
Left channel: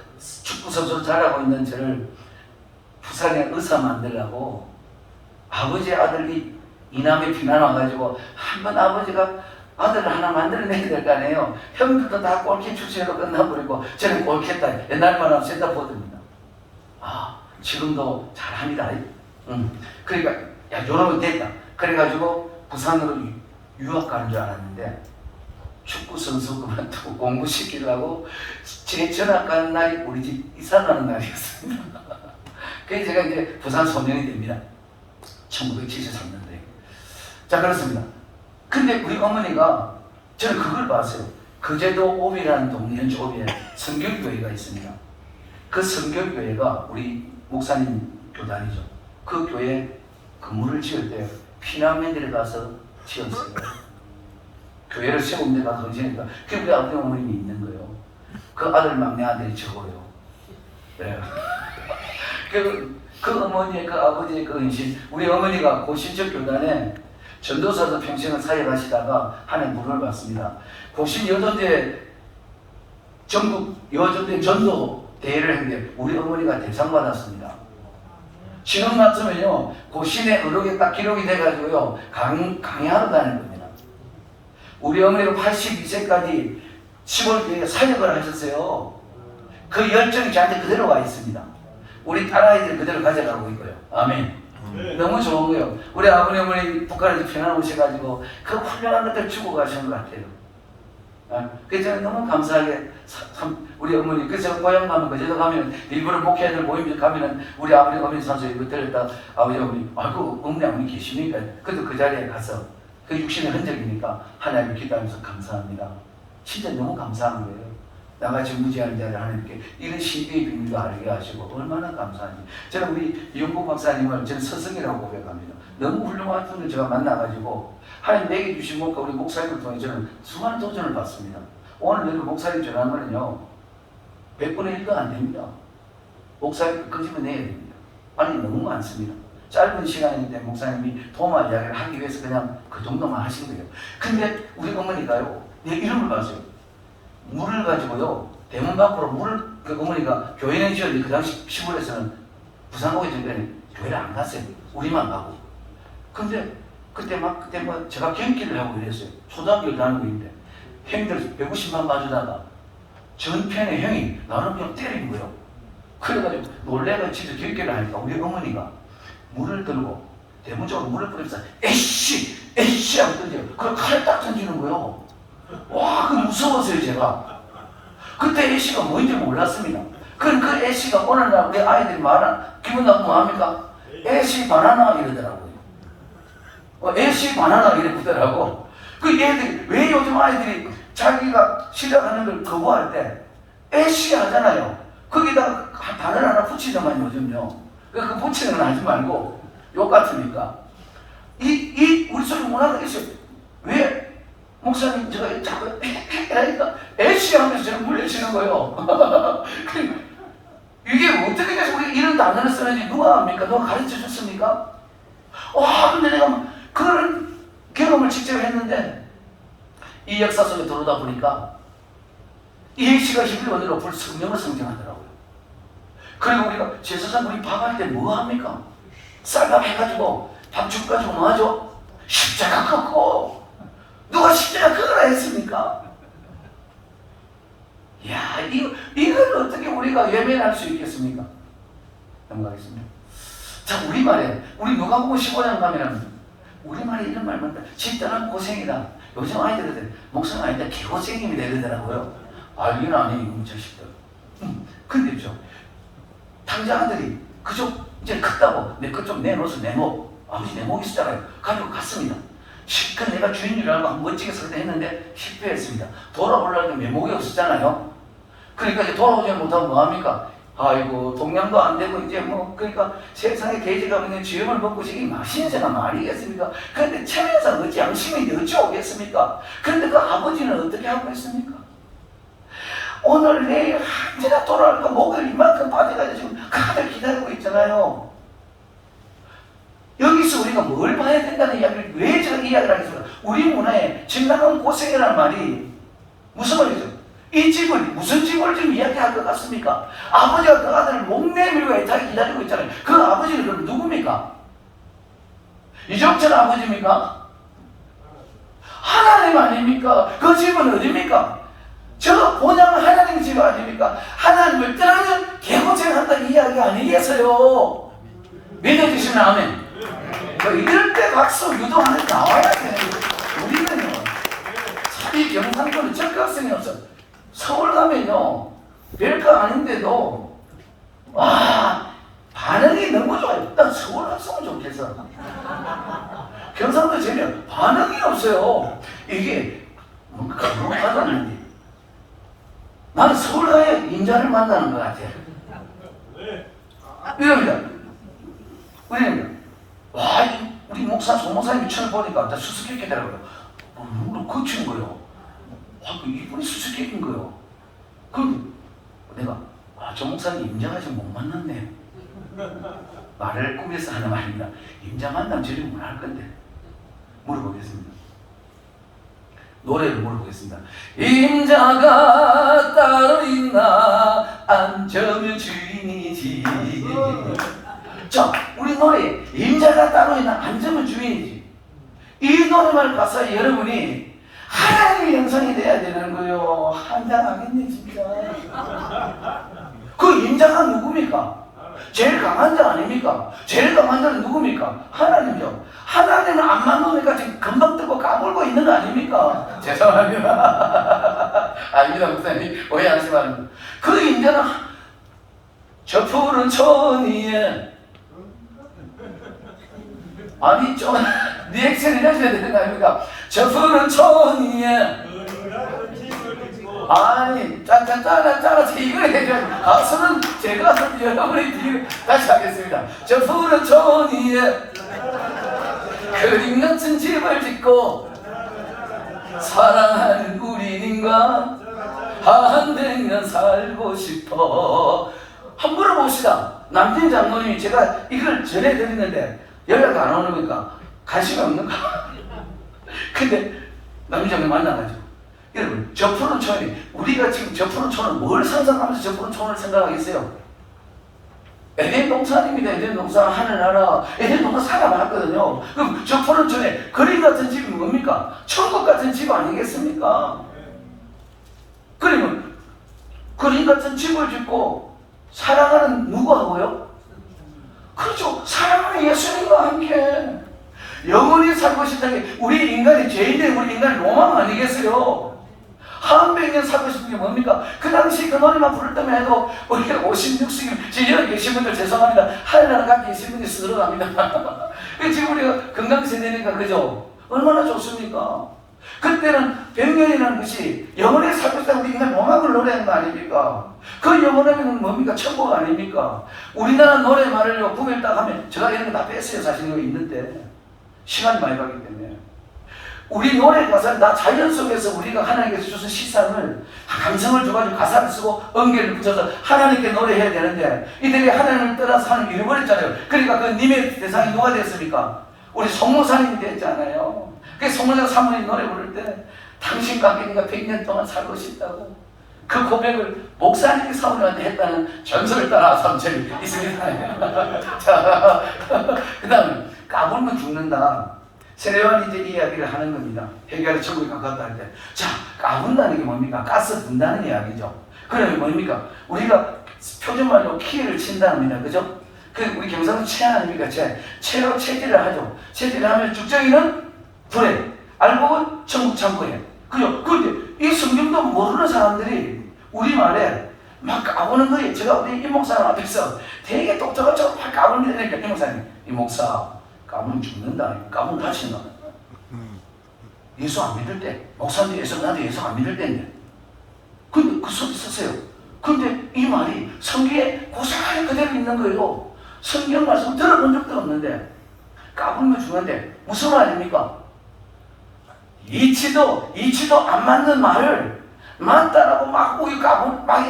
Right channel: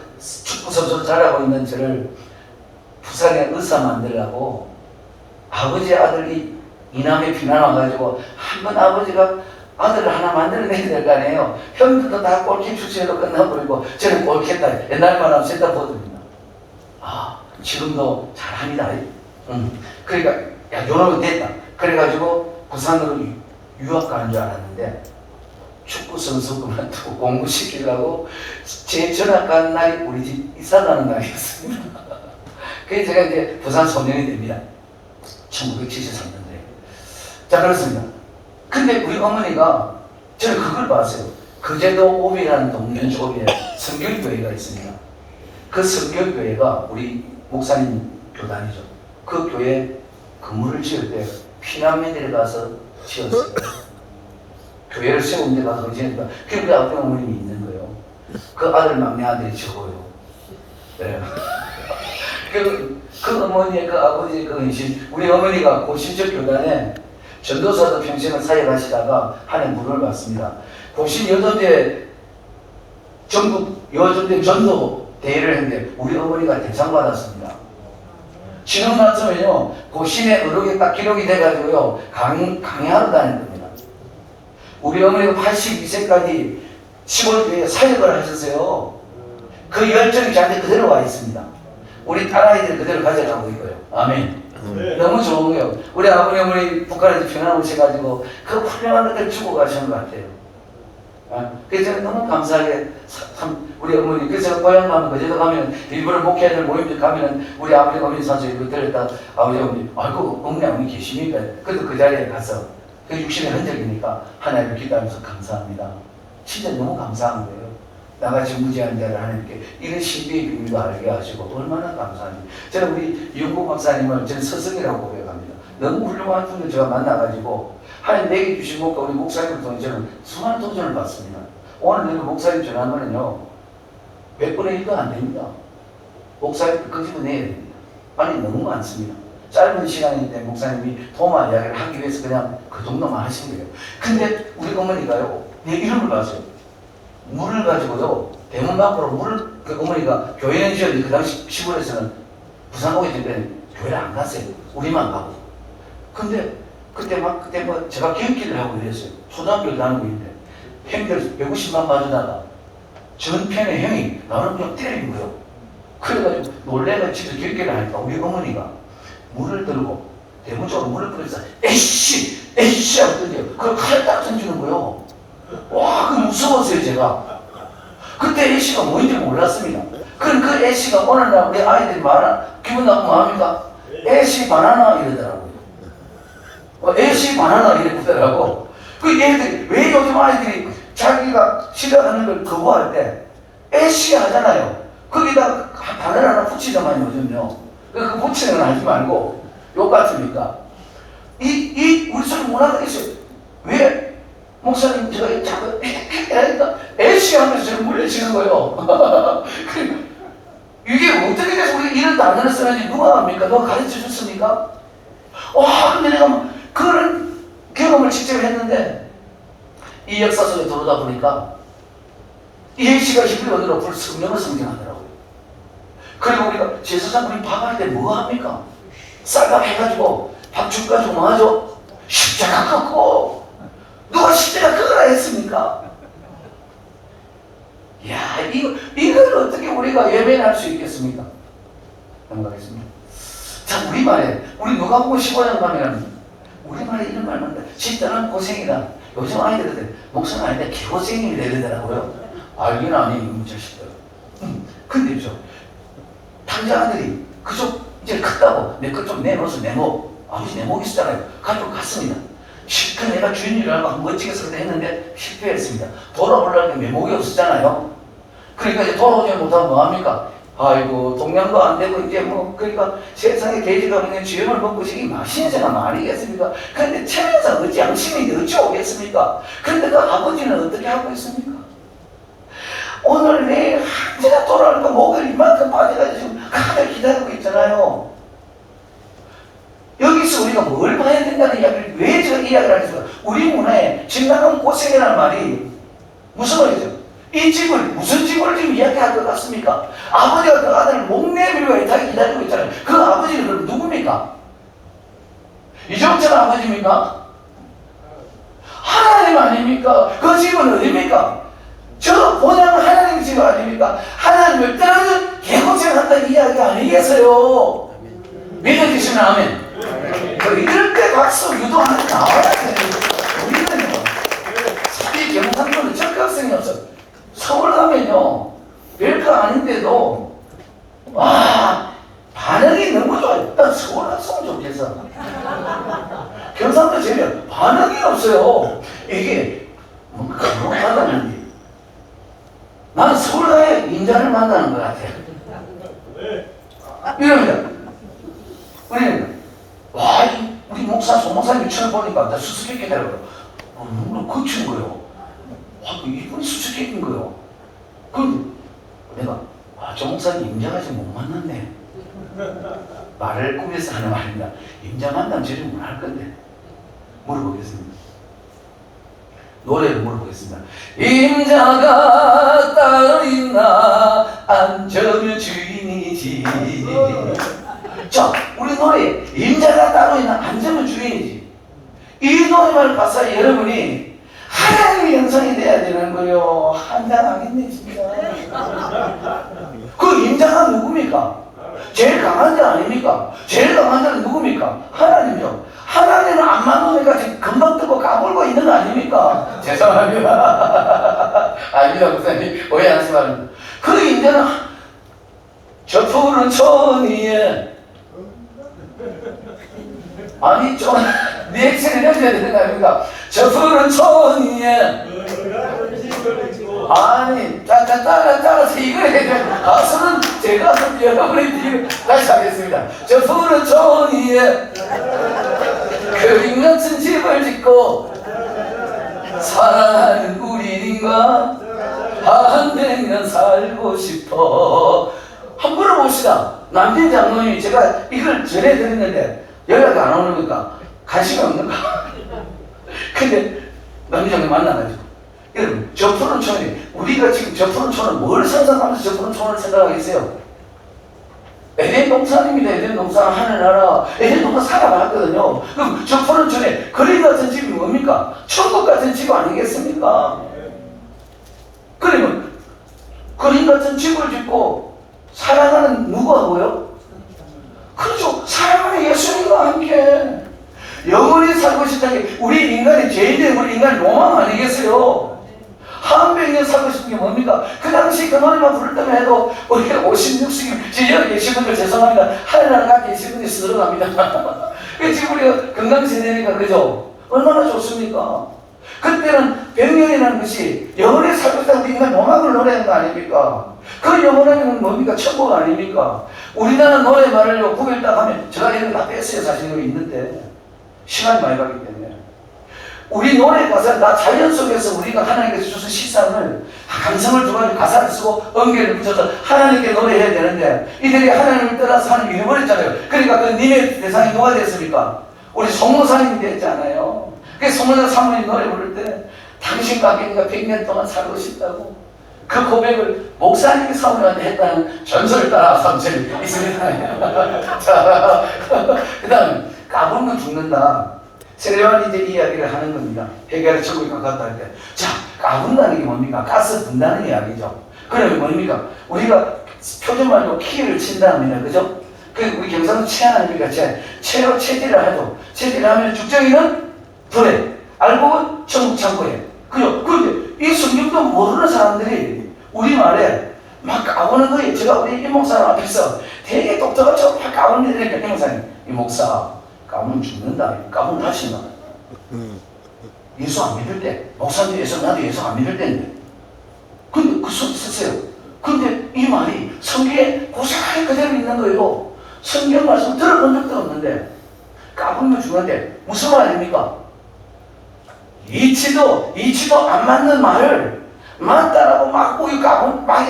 축구 선수로 자라고 있는 저를 부산에 의사 만들려고 아버지의 아들이 이남에 피난 와가지고 한번 아버지가 아들을 하나 만들어내야 될 거 아니에요. 형들도 다 골키 출신으로 끝나버리고 저는 골키했다. 옛날만 하면 센터포드입니다. 지금도 잘합니다. 그러니까 야 요놈은 됐다. 그래가지고 부산으로 유학 가는 줄 알았는데 축구 선수 그만두고 공부시키려고 제 전학 가는 날이 우리 집 이사 가는 날이었습니다. 그래서 제가 이제 부산 소년이 됩니다. 1973년도에. 자, 그렇습니다. 근데 우리 어머니가 저는 그걸 봤어요. 거제도 오비라는 동네 쪽에 성결교회가 있습니다. 그 성결교회가 우리 목사님 교단이죠. 그 교회 건물을 지을 때 피난민들에 가서 지었어요. 교회를 세운 데 가서 지으니까 그게 아픈 어머님이 있는 거예요. 그 아들 막내 아들이 적어요. 네. 그 어머니의 그 아버지의 그 헌신, 우리 어머니가 고신적 교단에 전도사도 평생을 사역하시다가 한 해 문을 받습니다. 고신 여전대 전국 여전대 전도 대회를 했는데 우리 어머니가 대상 받았습니다. 지금 났으면요 고신의 의록이 딱 기록이 돼가지고요 강의하러 다니는 겁니다. 우리 어머니가 82세까지 10월 뒤에 사역을 하셨어요. 그 열정이 저한테 그대로 와 있습니다. 우리 딸아이들 그대로 가져가고 있고요. 아멘. 너무 좋은 거예요. 우리 아버지 어머니 북한에서 피어나 오셔가지고 그 훌륭한 것들 주고 가시는 것 같아요. 그래서 저는 너무 감사하게 우리 어머니, 그래서 제가 고향 가면 그제도 가면 일부러 목회자들 모임들 가면은 우리 아버지 어머니 산소 이거 들었다 아버지 어머니 아이고 어머니 계시니까 그래도 그 자리에 가서 그 육신의 흔적이니까 하나님을 기도하면서 감사합니다. 진짜 너무 감사한 거예요. 나같이 무지한 자를 하나님께 이런 신비의 비밀을 알게 하시고 얼마나 감사한지. 저는 우리 이용국 박사님을 저는 스승이라고 고백합니다. 너무 훌륭한 분을 제가 만나가지고 하나님 내게 주신 목과 우리 목사님을 통해 저는 수많은 도전을 받습니다. 오늘 여기 목사님 전화하면요 100분의 1도 안 됩니다. 목사님 끄집어내야 됩니다. 아니 너무 많습니다. 짧은 시간인데 목사님이 도마 이야기를 하기 위해서 그냥 그 정도만 하신 거예요. 근데 우리 어머니가요 내 이름을 봤어요. 물을 가지고요 대문 밖으로 물을 그 어머니가 교회는 지었는데 그 당시 시골에서는 부산고에 있을 때는 교회를 안 갔어요. 우리만 가고. 근데 그때 뭐 제가 경기를 하고 이랬어요. 초등학교를 다니고 있는데 형들 150만 맞으다가 전편의 형이 나를 그냥 때리는 거예요. 그래가지고 놀래가 진짜 경기를 하니까 우리 어머니가 물을 들고 대문 쪽으로 물을 끓여서 에이씨 하고 던져요. 그걸 칼을 딱 던지는 거예요. 와, 그 무서웠어요, 제가. 그때 애쉬가 뭔지 몰랐습니다. 그럼 그 애쉬가 오늘 날 우리 아이들이 말하나, 기분 나쁘면 뭐합니까? 애쉬 바나나 이러더라고요. 애쉬 바나나 이러더라고. 그 얘들이, 왜 요즘 아이들이 자기가 시작하는 걸 거부할 때, 애쉬 하잖아요. 거기다 바나나 하나 붙이잖아요, 요즘요. 그 붙이는 건 하지 말고, 욕 같으니까. 우리 손이 문화가 있어요. 왜? 목사님, 제가 자꾸 하니까 애쉬 하면서 저를 물리치는 거예요. 이게 어떻게 해서 우리 이런 단어를 쓰는지 누가 합니까? 누가 가르쳐 줬습니까? 와, 근데 내가 그런 경험을 직접 했는데 이 역사 속에 들어오다 보니까 이 애쉬가 힘을 얻으러 성령을 성경하더라고요. 그리고 우리가 제사장 우리 밥할 때 뭐 합니까? 쌀밥 해가지고 밥 죽가지고 뭐 하죠? 십자가 갖고 누가 십자가 그거라 했습니까? 이야, 이걸 어떻게 우리가 외면할 수 있겠습니까? 넘어가겠습니다. 자, 우리말에, 우리 누가복음 15장 가면, 우리말에 이런 말 나온다. 집단은 고생이다. 요즘 아이들한테 목사님 아닌데 개고생이 되더라고요. 아, 이건 아니에요, 자식들. 근데 탕자들이 그저 이제 컸다고 내 것 좀 내놓아서 내목, 아버지 내목 있었잖아요. 가지고 갔습니다. 실컷 내가 주인이라는 거 한번 멋지게 설명했는데 실패했습니다. 돌아오려는 게 메모가 없었잖아요. 그러니까 이제 돌아오지 못하면 뭐합니까? 아이고 동양도 안 되고 이제 뭐 그러니까 세상에 계지가 그냥 주영을 먹고 시기 맛있는 말이겠습니까? 그런데 체면상 어찌 양심인데 어찌 오겠습니까? 그런데 그 아버지는 어떻게 하고 있습니까? 오늘 내일 한시나 돌아오니까 목을 이만큼 빠져가지고 지금 가을 기다리고 있잖아요. 여기서 우리가 뭘 봐야 된다는 이야기를 왜 저 이야기를 하겠습니까? 우리 문화에 진단은 고생이라는 말이 무슨 말이죠? 이 집을 무슨 집을 지금 이야기할 것 같습니까? 아버지가 그 아들을 목내밀고 이렇게 기다리고 있잖아요. 그 아버지는 그럼 누굽니까? 이정철 아버지입니까? 하나님 아닙니까? 그 집은 어디입니까? 저 본향은 하나님 집 아닙니까? 하나님을 떠나는 개고생한다는 이야기 아니겠어요? 믿어주시면 아멘. 이럴 때 박수 유도하는 게 나와야 돼. 우리는요, 이 경상도는 적극성이 없어. 서울 가면요, 별거 아닌데도, 와, 반응이 너무 좋아요. 난 서울 갔으면 좋겠어. 경상도 제면 반응이 없어요. 이게, 뭐, 그런 받았는데. 나는 서울 가야 인자를 만나는 것 같아요. 이럽니다. 와, 우리 목사, 소목사님이 처음 보니까 나 수수께끼더라고요. 눈을 거친 거예요. 와, 이분 수수께끼인 거예요. 그럼 내가, 저 목사님 인자가 지금 못 만났네. 말을 꾸며서 하는 말입니다. 임자 만나면 질문 할 건데 물어보겠습니다. 노래를 물어보겠습니다. 임자가 따로 있나 앉으면 주인이지. 자, 우리 노래 임자가 따로 있나 앉으면 주인이지. 이 노래만 가사 여러분이 하나님의 형상이 돼야 되는 거요. 한잔하겠네 진짜. 그 임자가 누굽니까? 제일 강한 자 아닙니까? 제일 강한 자는 누굽니까? 하나님이요. 하나님은 안 만나니까 지금 금방 뜨고 까불고 있는 거 아닙니까? 죄송합니다. 아닙니다, 목사님. 오해하지 말고. 그 임자는 저 푸른 천 위에 아니 좀 리액션을 해줘야 되는 거 아닙니까? 저 푸른 천 위에 아니 짜라서 이걸 해줘야 가수는 제가 여러분이 뒤에 다시 하겠습니다. 저 푸른 천 위에 그림 같은 집을 짓고 사랑하는 우리님과 한백년 살고 싶어. 한번 물어봅시다. 남편 장로님이 제가 이걸 전해 드렸는데 연락이 안 오는 건가? 관심이 없는가? 근데 남편 장로님 만나가지고 여러분 저 푸른 촌이 우리가 지금 저 푸른 촌을 뭘 상상하면서 저 푸른 촌을 생각하겠어요? 에덴 동산입니다. 에덴 동산 하늘나라 에덴 동산 살아봤거든요. 그럼 저 푸른 촌에 그림 같은 집이 뭡니까? 천국 같은 집 아니겠습니까? 그러면 그림 같은 집을 짓고 사랑하는 누구하고요? 그렇죠. 사랑하는 예수님과 함께 영원히 살고 싶다는 게 우리 인간의 죄인된 우리 인간의 로망 아니겠어요? 한백년 살고 싶은 게 뭡니까? 그 당시 그 노래만 부를 때만 해도 우리가 50, 60, 지금 여기 계신 분들 죄송합니다. 하늘나라 가 계신 분이 들어갑니다. 지금 우리가 건강세대니까 그죠? 얼마나 좋습니까? 그때는 백년이라는 것이 영원히 살고 싶다는 우리 인간 로망을 노래하는 거 아닙니까? 그 영원하면 뭡니까? 천국 아닙니까? 우리나라 노래 말을 구별 딱 하면 제가 이런 거 다 뺐어요. 사실 여기 있는데 시간이 많이 가기 때문에 우리 노래 가사는 다 자연 속에서 우리가 하나님께서 주신 시상을 감성을 줘가지고 가사를 쓰고 음계를 붙여서 하나님께 노래해야 되는데 이들이 하나님을 떠나서 하나님 잃어버렸잖아요. 그러니까 그 님의 대상이 뭐가 됐습니까? 우리 송로사님이 됐잖아요. 그래서 송로사 사모님 노래 부를 때 당신 가게니까 100년 동안 살고 싶다고 그 고백을 목사님이 사모님한테 했다는 전설을 따라 선설이 있습니다. 자, 그 다음에 까불면 죽는다. 세례요한이 이제 이야기를 하는 겁니다. 해결의 천국에 가깝다 할 때. 자, 까분다는 게 뭡니까? 가스 분다는 이야기죠. 그러면 뭡니까? 우리가 표준말로 키를 친다합니다. 그죠? 그 우리 경상도 채 아닙니까? 채로 채질을 하죠. 채질을 하면 죽정이는 불에, 알곡은 천국 창고에. 그죠? 그런데 이 성경도 모르는 사람들이 우리말에 막 까부는 거예요. 제가 우리 이목사님 앞에서 되게 똑똑하죠? 막 까부는 게 되니까 이목사님, 이목사 까부면 죽는다. 까부면 다신다. 예수 안 믿을 때, 목사님 예수, 나도 예수 안 믿을 때인데. 근데 그 소리 썼어요. 근데 이 말이 성경에 고스란히 그대로 있는 거예요. 성경 말씀 들어본 적도 없는데, 까부면 죽는데, 무슨 말 아닙니까? 이치도 안 맞는 말을 맞다라고 막 우리 까부, 막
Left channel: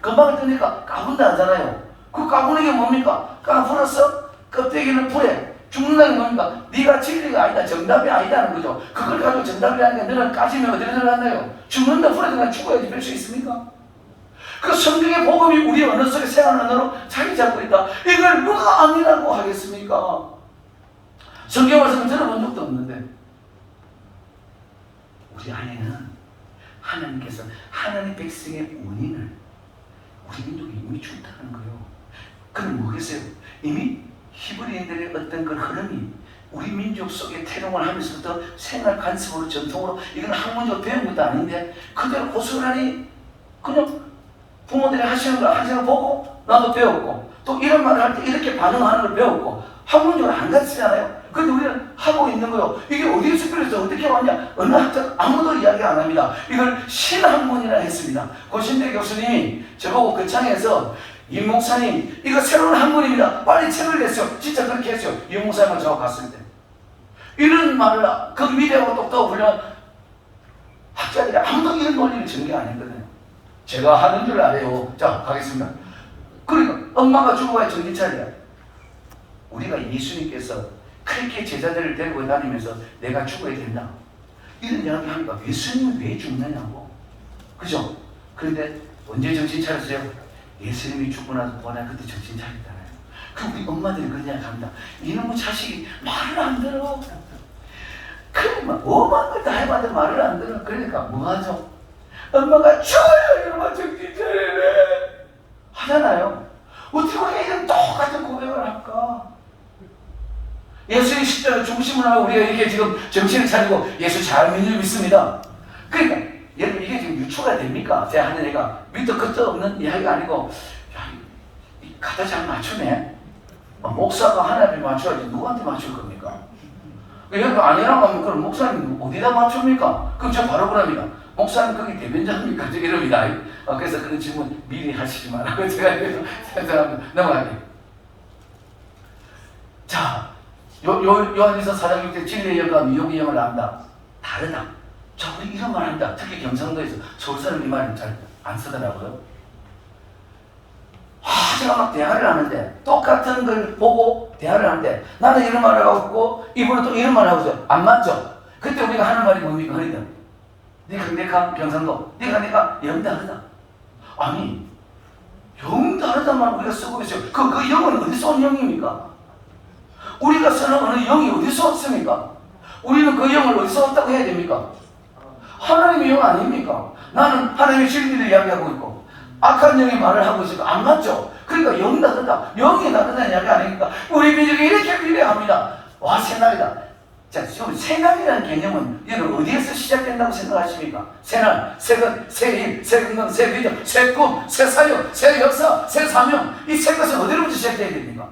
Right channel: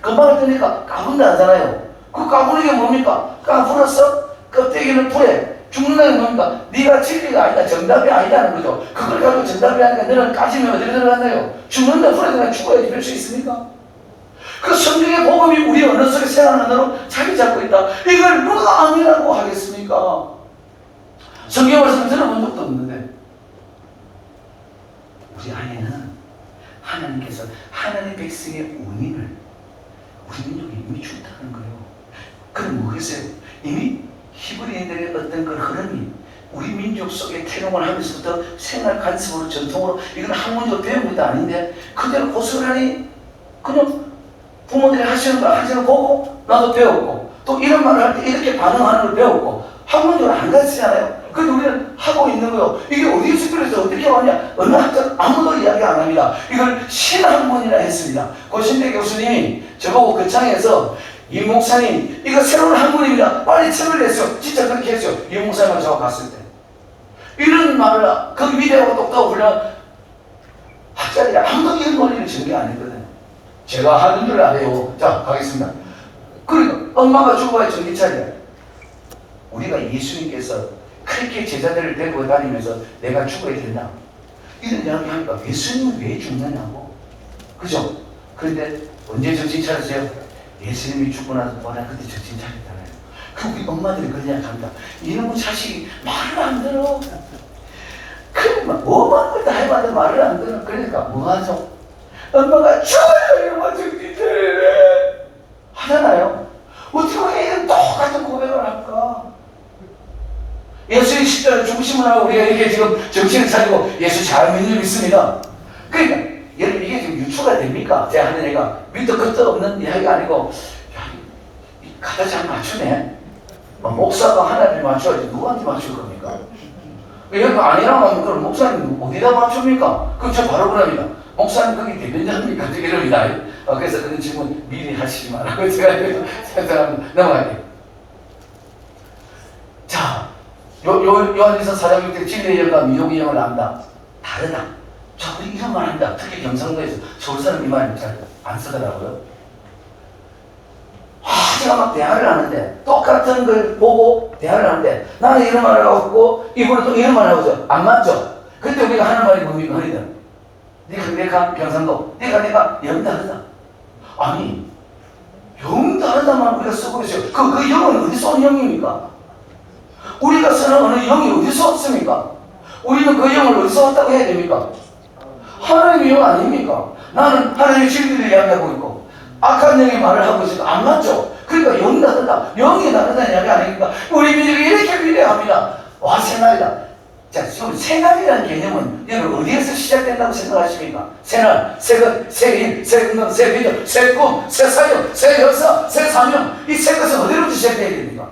금방 뜨니까 까분다 하잖아요. 그 까부는 게 뭡니까? 까불었어? 껍데기는 불에. 죽는다는 뭡니까? 네가 진리가 아니다, 정답이 아니다는 거죠. 그걸 가지고 정답이 아니니까 너는 까지면 어디로 들어간다요? 죽는다, 불에 들어가 죽어야지 될 수 있습니까? 그 성경의 복음이 우리 언어 속에 생활하는 자리 잡고 있다. 이걸 누가 아니라고 하겠습니까? 성경 말씀 들어본 적도 없는데 우리 안에는 하나님께서 하나님의 백성의 운명을 우리 민족에 이미 준다는 거예요. 그럼 뭐겠어요? 이미 히브리인들의 어떤 그 흐름이 우리 민족 속에 태동을 하면서부터 생활 관습으로 전통으로 이건 학문적으로 배운 것도 아닌데 그대로 고스란히 그냥 부모들이 하시는 거 보고 나도 배웠고 또 이런 말을 할 때 이렇게 반응하는 걸 배웠고 학문적으로 안 가르치잖아요. 근데 우리는 하고 있는 거요. 이게 어디서 들어서 어떻게 왔냐? 어느 학자 아무도 이야기 안 합니다. 이걸 신학문이라 했습니다. 고신대 교수님이 저보고 그 장에서 이 목사님 이거 새로운 학문입니다. 빨리 책을 냈어요. 진짜 그렇게 했어요. 이 목사님하고 저하고 갔을 때 이런 말을 그 미래하고 똑똑하고 훌륭한 학자들이 아무도 이런 논리를 지은 게 아니거든요. 제가 하는 줄 알아요. 자 가겠습니다. 그러니까 엄마가 죽어야 정신 차려. 우리가 예수님께서 그렇게 제자들을 데리고 다니면서 내가 죽어야 된다, 이런 이야기 하니까 예수님은 왜 죽느냐고. 그죠? 그런데 언제 정신 차렸어요? 예수님이 죽고 나서 부활한 그때 정신 차렸잖아요. 그럼 우리 엄마들이 그냥 간다. 이놈의 자식이 말을 안 들어. 그러면 뭐만 걸 다 해봐도 말을 안 들어. 그러니까 뭐 하죠? 엄마가 죽어요 이놈아 정신 차리래 하잖아요. 어떻게 애는 똑같은 고백을 할까? 예수의 십자가 중심을 하고 우리가 이렇게 지금 정신을 차리고 예수 잘 믿는 줄 믿습니다. 그러니까 이게 지금 유추가 됩니까? 제 하는 애가 밑도 끝도 없는 이야기가 아니고, 야, 갖다 잘 맞추네. 목사가 하나님이 맞춰야지 누구한테 맞출 겁니까? 여기 아니라고 하면 그럼 목사님 어디다 맞춥니까? 그럼 저 바로 그럽니다. 목사님 거기 대변자입니까? 이럽니다. 그래서 그런 질문 미리 하시지 말라고 제가 넘어갈게요. 자, 요한에서 사람이 때 진리의 영과 미혹의 영을 안다. 다르다. 자꾸 이런 말 한다. 특히 경상도에서 서울 사람 이 말을 잘 안 쓰더라고요. 제가 막 대화를 하는데 똑같은 걸 보고 대화를 하는데 나는 이런 말을 하고 이분은 또 이런 말을 하고 안 맞죠? 그때 우리가 하는 말이 뭡니까? 너희들 내가 경상도 내가 영 다르다. 아니 영 다르다만 우리가 쓰고 있어요. 그 영은 어디서 온 영입니까? 우리가 쓰는 어느 영이 어디서 왔습니까? 우리는 그 영을 어디서 왔다고 해야 됩니까? 하나님의 영 아닙니까? 나는 하나님의 진리를 이야기하고 있고 악한 영의 말을 하고 있으니까 안 맞죠? 그러니까 영이 다르다. 영이 다르다는 이야기 아닙니까? 우리 민족이 이렇게 비례합니다. 와, 새날이다. 자, 지금 새날이라는 개념은 여러분 어디에서 시작된다고 생각하십니까? 새날, 새것, 새일, 새근금, 새비전, 새꿈, 새사역, 새역사, 새사명. 이 새 것은 어디로부터 시작돼야 됩니까?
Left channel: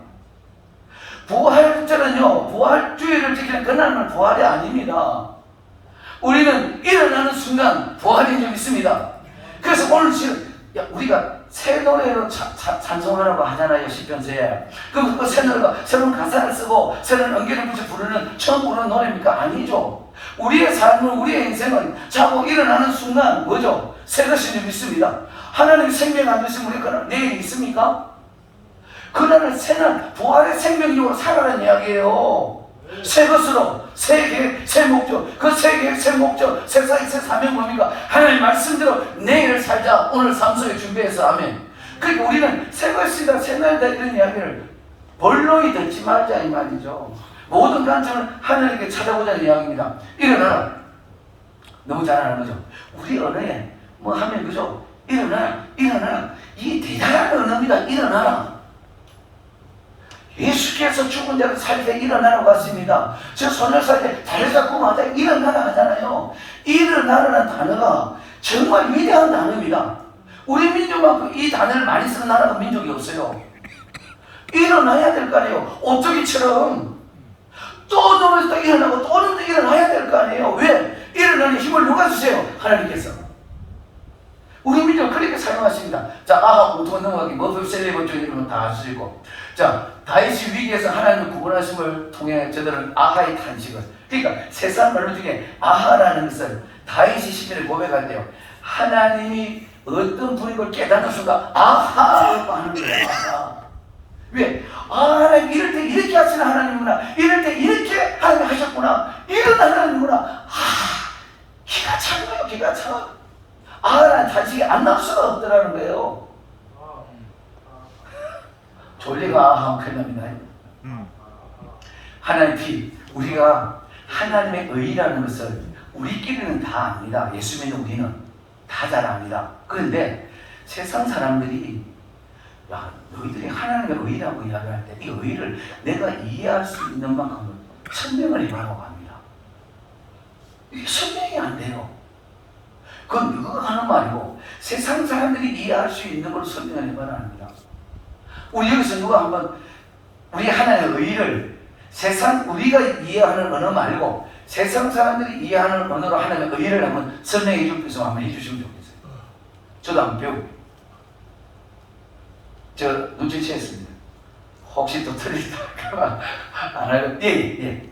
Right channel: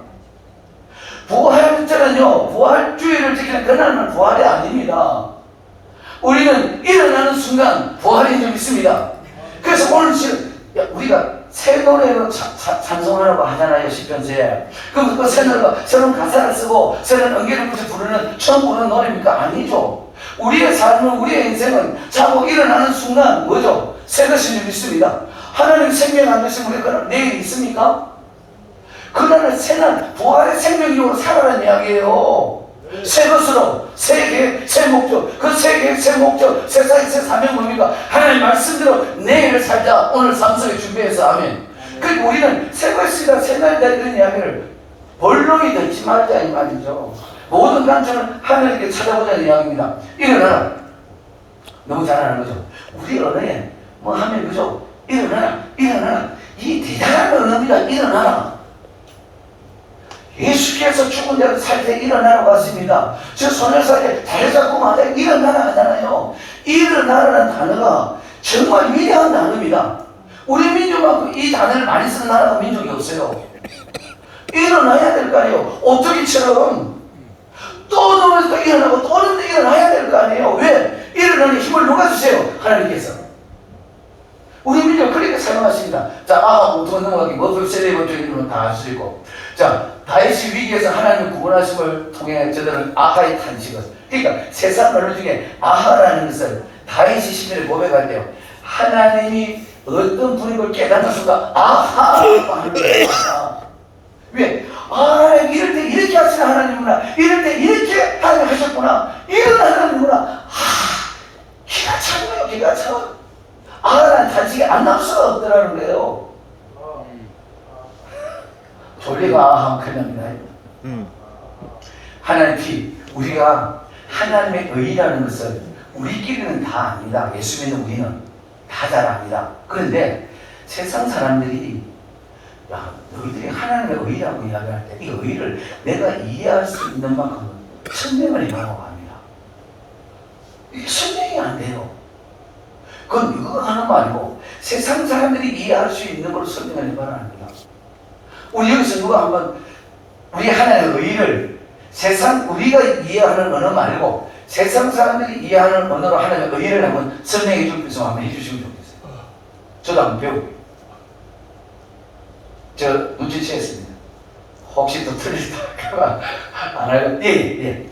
부활 때는요, 부활주의를 지키는 그날은 부활이 아닙니다. 우리는 일어나는 순간 부활인 줄 믿습니다. 그래서 오늘 지금 우리가 새 노래로 찬송하라고 하잖아요. 시편서에. 그럼 그 새 노래가 새로운 가사를 쓰고 새로운 언기를 붙여 부르는 처음 부르는 노래입니까? 아니죠. 우리의 삶은 우리의 인생은 자고 일어나는 순간 뭐죠? 새 것인 줄 믿습니다. 하나님 생명 안 되시면 우리 그날 내일 있습니까? 그날은 새날 부활의 생명력으로 살아라는 이야기예요. 새 것으로, 새 계획, 새 목적, 그 새 계획, 새 목적, 새 사역, 새 사명 뭡니까? 하나님 말씀대로 내일 살자. 오늘 삶 속에 준비해서 아멘. 그리고 우리는 새 것이다, 새 날이다 이런 이야기를 본론이 듣지 말자 이 말이죠. 모든 관점은 하나님께 찾아보자는 이야기입니다. 일어나라. 너무 잘 아는 거죠. 우리 언어에 뭐 하면 그죠? 일어나라, 일어나라. 이 대단한 언어입니다. 일어나라. 예수께서 죽은 자를 살 때 일어나라고 하십니다. 저 손을 살 때 다리 잡고 마다 일어나라 하잖아요. 일어나라는 단어가 정말 위대한 단어입니다. 우리 민족만큼 이 단어를 많이 쓰는 나라가 민족이 없어요. 일어나야 될 거 아니에요. 오토기처럼 또 넘어서 일어나고 또 넘어서 일어나야 될 거 아니에요. 왜? 일어나는 힘을 누가 주세요? 하나님께서. 우리 민족 그렇게 사용하십니다. 자, 오토 넘어가기, 머플세레버 쪽이면 다 아시고. 자, 다윗이 위기에서 하나님을 구원하심을 통해 저들은 아하의 탄식을. 그러니까 세상 언어 중에 아하라는 것을 다윗이 시편에 고백할 때요. 하나님이 어떤 분인 걸 깨닫는 순간 아하 하는 거예요. 왜? 하나님 이럴 때 이렇게 하시는 하나님이구나. 이럴 때 이렇게 하나님 하셨구나. 이런 하나님이구나. 기가 차고요. 기가 차고. 아하라는 탄식이 안 날 수가 없더라는 거예요. 졸리가 아하 큰일납니다. 하나님 우리가 하나님의 의라는 것을 우리끼리는 다 압니다. 예수 믿는 우리는 다 잘 압니다. 그런데 세상 사람들이 야, 너희들이 하나님의 의라고 이야기할 때 이 의를 내가 이해할 수 있는 만큼 설명을 해라고 합니다. 이게 설명이 안 돼요. 그건 이거 하는 말이고 세상 사람들이 이해할 수 있는 걸 설명을 해봐라 합니다. 우리 여기서 누가 한번 우리 하나님의 의를 우리가 이해하는 언어 말고 세상 사람들이 이해하는 언어로 하나님의 의를 한번 설명해 줄 수 한번 해주시면 좋겠어요. 저도 한번 배우고. 저 눈치챘습니다. 혹시 또 틀릴까 안 하려고. 예.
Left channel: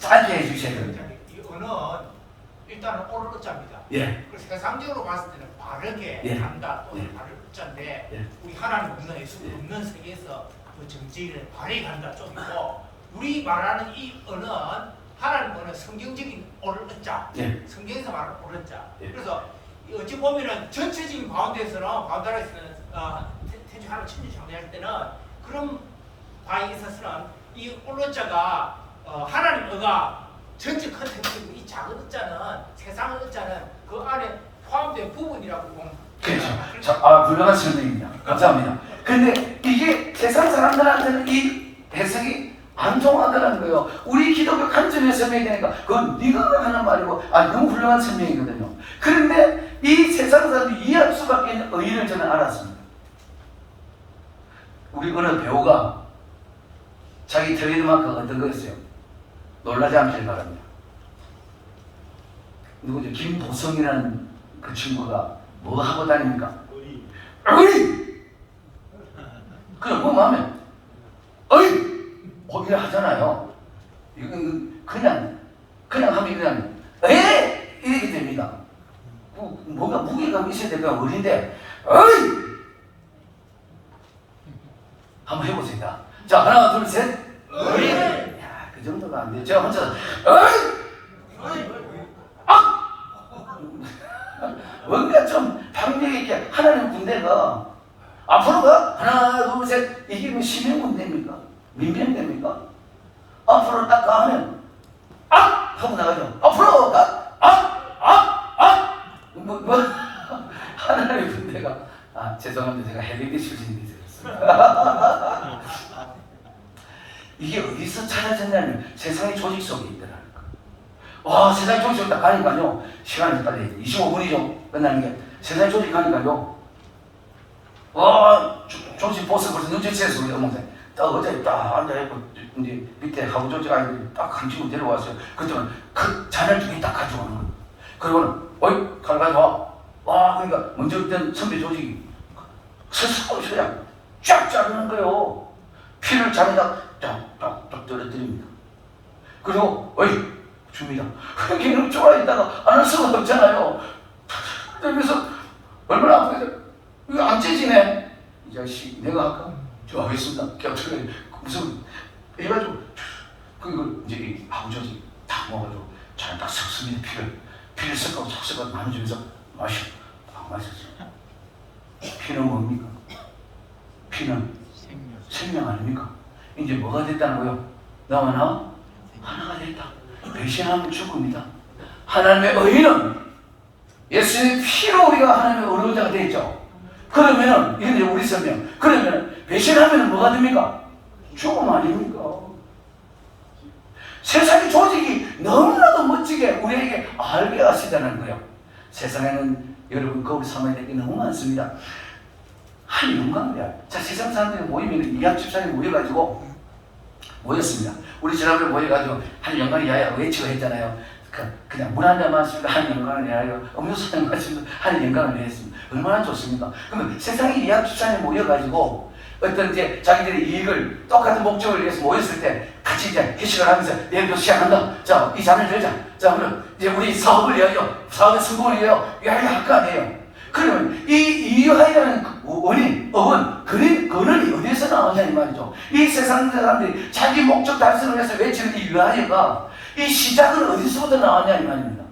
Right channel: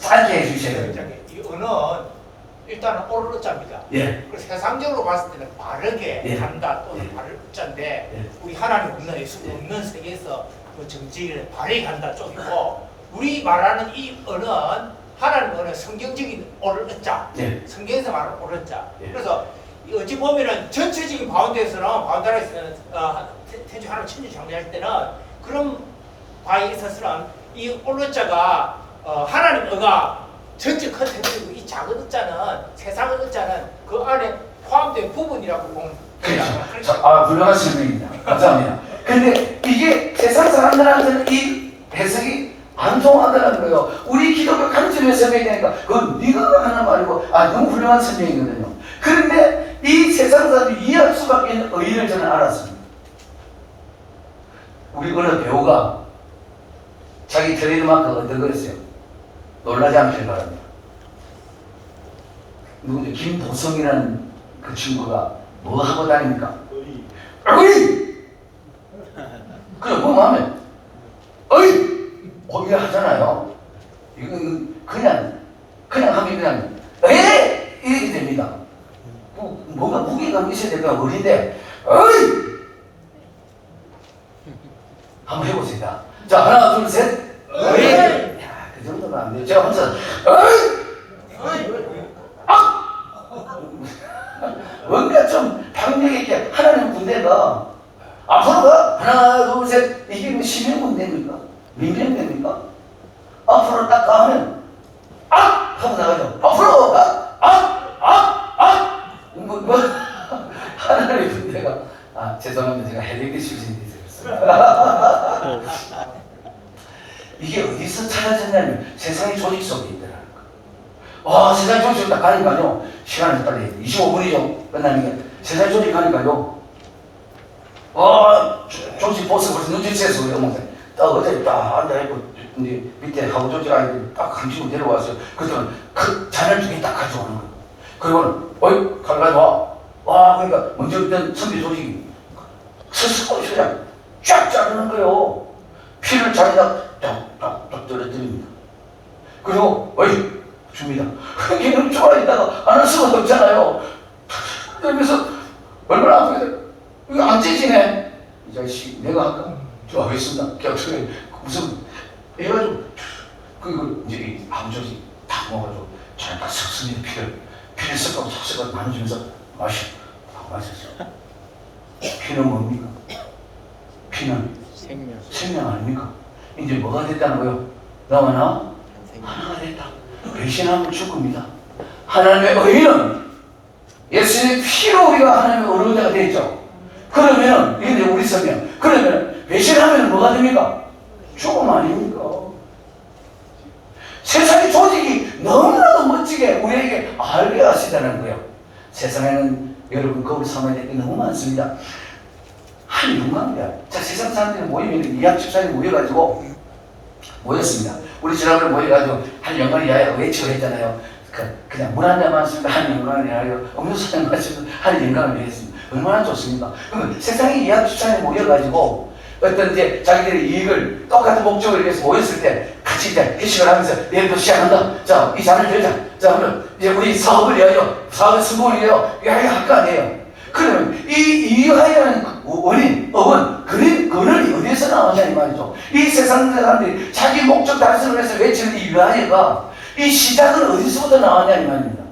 짧게 해주셔야 돼요. 이 언어는 일단은 오르자입니다. 예. 그래서 세상적으로 봤을 때는 바르게 예. 간다 또는 예. 바르자인데 예. 우리 하나님 없는 예수 없는 세계에서 그 정직을 바르게 간다 쪽이고 우리 말하는 이 언어는 하나님 언어 성경적인 오르자 예. 성경에서 말하는 오르자 예. 그래서 어찌 보면은 전체적인 바운드에서는 태주 하나님 천지 창조할 때는 그런 바에 있어서는 이 오르자가 하나님 어가 전체 컨텐츠고 이 작은 의자는 세상 의자는 그 안에 포함된 부분이라고 보면 그렇죠. 훌륭한 설명입니다. 감사합니다. 근데 이게 세상 사람들한테는 이 해석이 안 통하더라는 거예요. 우리 기독교 관점에서 설명이 되니까 그건 네가 하는 말이고 너무 훌륭한 설명이거든요. 그런데 이 세상 사람들이 이해할 수밖에 있는 의의를 저는 알았습니다. 우리 어느 배우가 자기 트레이드마크가 어떤 거였어요? 놀라지 않기를 바랍니다. 누구죠? 김도성이라는 그 친구가 뭐 하고 다닙니까? 어이! 그냥 뭐 하면 어이! 거기 하잖아요. 이거 그냥 하면 그냥 이렇게 됩니다. 뭐가 무게감이 있어야 될까 어린데 어이! 한번 해보세요. 자, 하나, 둘, 셋. 어이! 그 정도면 안 돼요. 제가 혼자 뭔가 좀 평력 있게 하나님 군대가 앞으로가 하나 둘 셋 이게 뭐 시민 군대입니까? 민병 됩니까? 앞으로 딱 가면 하고 나가죠. 앞으로 뭐 하나님 군대가 죄송합니다. 제가 헬리기 출신이 있어요. 이게 어디서 찾아졌냐면 세상의 조직 속에 있더라고요. 세상의 조직 딱 가니까요. 시간이 빨리 25분이죠. 끝나는 게. 세상의 조직 가니까요. 조직 보스 벌써 눈치채서 그래. 딱 어제 딱 앉아있고 이제 밑에 하고 조직 아이들이 딱 감시고 내려왔어요. 그때는 그 잔을 2개 딱 가져오는 거예요. 그리고는 어이 칼 가져와. 그러니까 먼저 있던 선배 조직이 스스로 그냥 쫙 자르는 거예요. 피를 자기가 쫙 떨어뜨립니다. 그리고 어이 줍니다. 걔는 좋아하다가 안 할 수가 없잖아요. 그러면서 얼마나 아프겠어요. 이거 안 찢지네. 이 자식 내가 할까? 저 하겠습니다. 어떻게 무슨 해가지고 그 이제 이 암조직 다 모아가지고 잔다 섞습니다. 피를 섞고 섞어서 나눠주면서 마셨어. 피는 뭡니까? 피는 생명 아닙니까? 이제 뭐가 됐다는 거예요? 너와 나 하나가 됐다. 배신하면 죽습니다. 하나님의 의는 예수의 피로 우리가 하나님의 의로자가 되었죠. 그러면 이게 우리 설명. 그러면 배신하면 뭐가 됩니까? 죽음 아닙니까? 세상의 조직이 너무나도 멋지게 우리에게 알게 하시다는 거예요. 세상에는 여러분 거울 삼아야 될 게 너무 많습니다. 한 영광이야. 자, 세상 사람들이 모이면 이학 집사님 모여가지고 모였습니다. 우리 지난번에 모여가지고 한 영광이야 외치고 했잖아요. 그냥 물 한 잔 마시고 한 영광을 하여 음료수 한 잔 마시고 한 영광을 했습니다. 얼마나 좋습니까? 그러면 세상에 이학 집사님 모여가지고 어떤 이제 자기들의 이익을 똑같은 목적을 위해서 모였을 때 같이 이제 회식을 하면서 내일부터 시작한다. 자, 이 잔을 들자. 자, 그럼 이제 우리 사업을 위하여, 사업의 성공을 위하여 할 거 아니에요. 그러면 이 이유하여는 원인, 근원이 어디에서 나왔냐 이 말이죠. 이 세상 사람들이 자기 목적 달성을 위해서 외치는 이 유하여가 이 시작은 어디서부터 나왔냐 이 말입니다.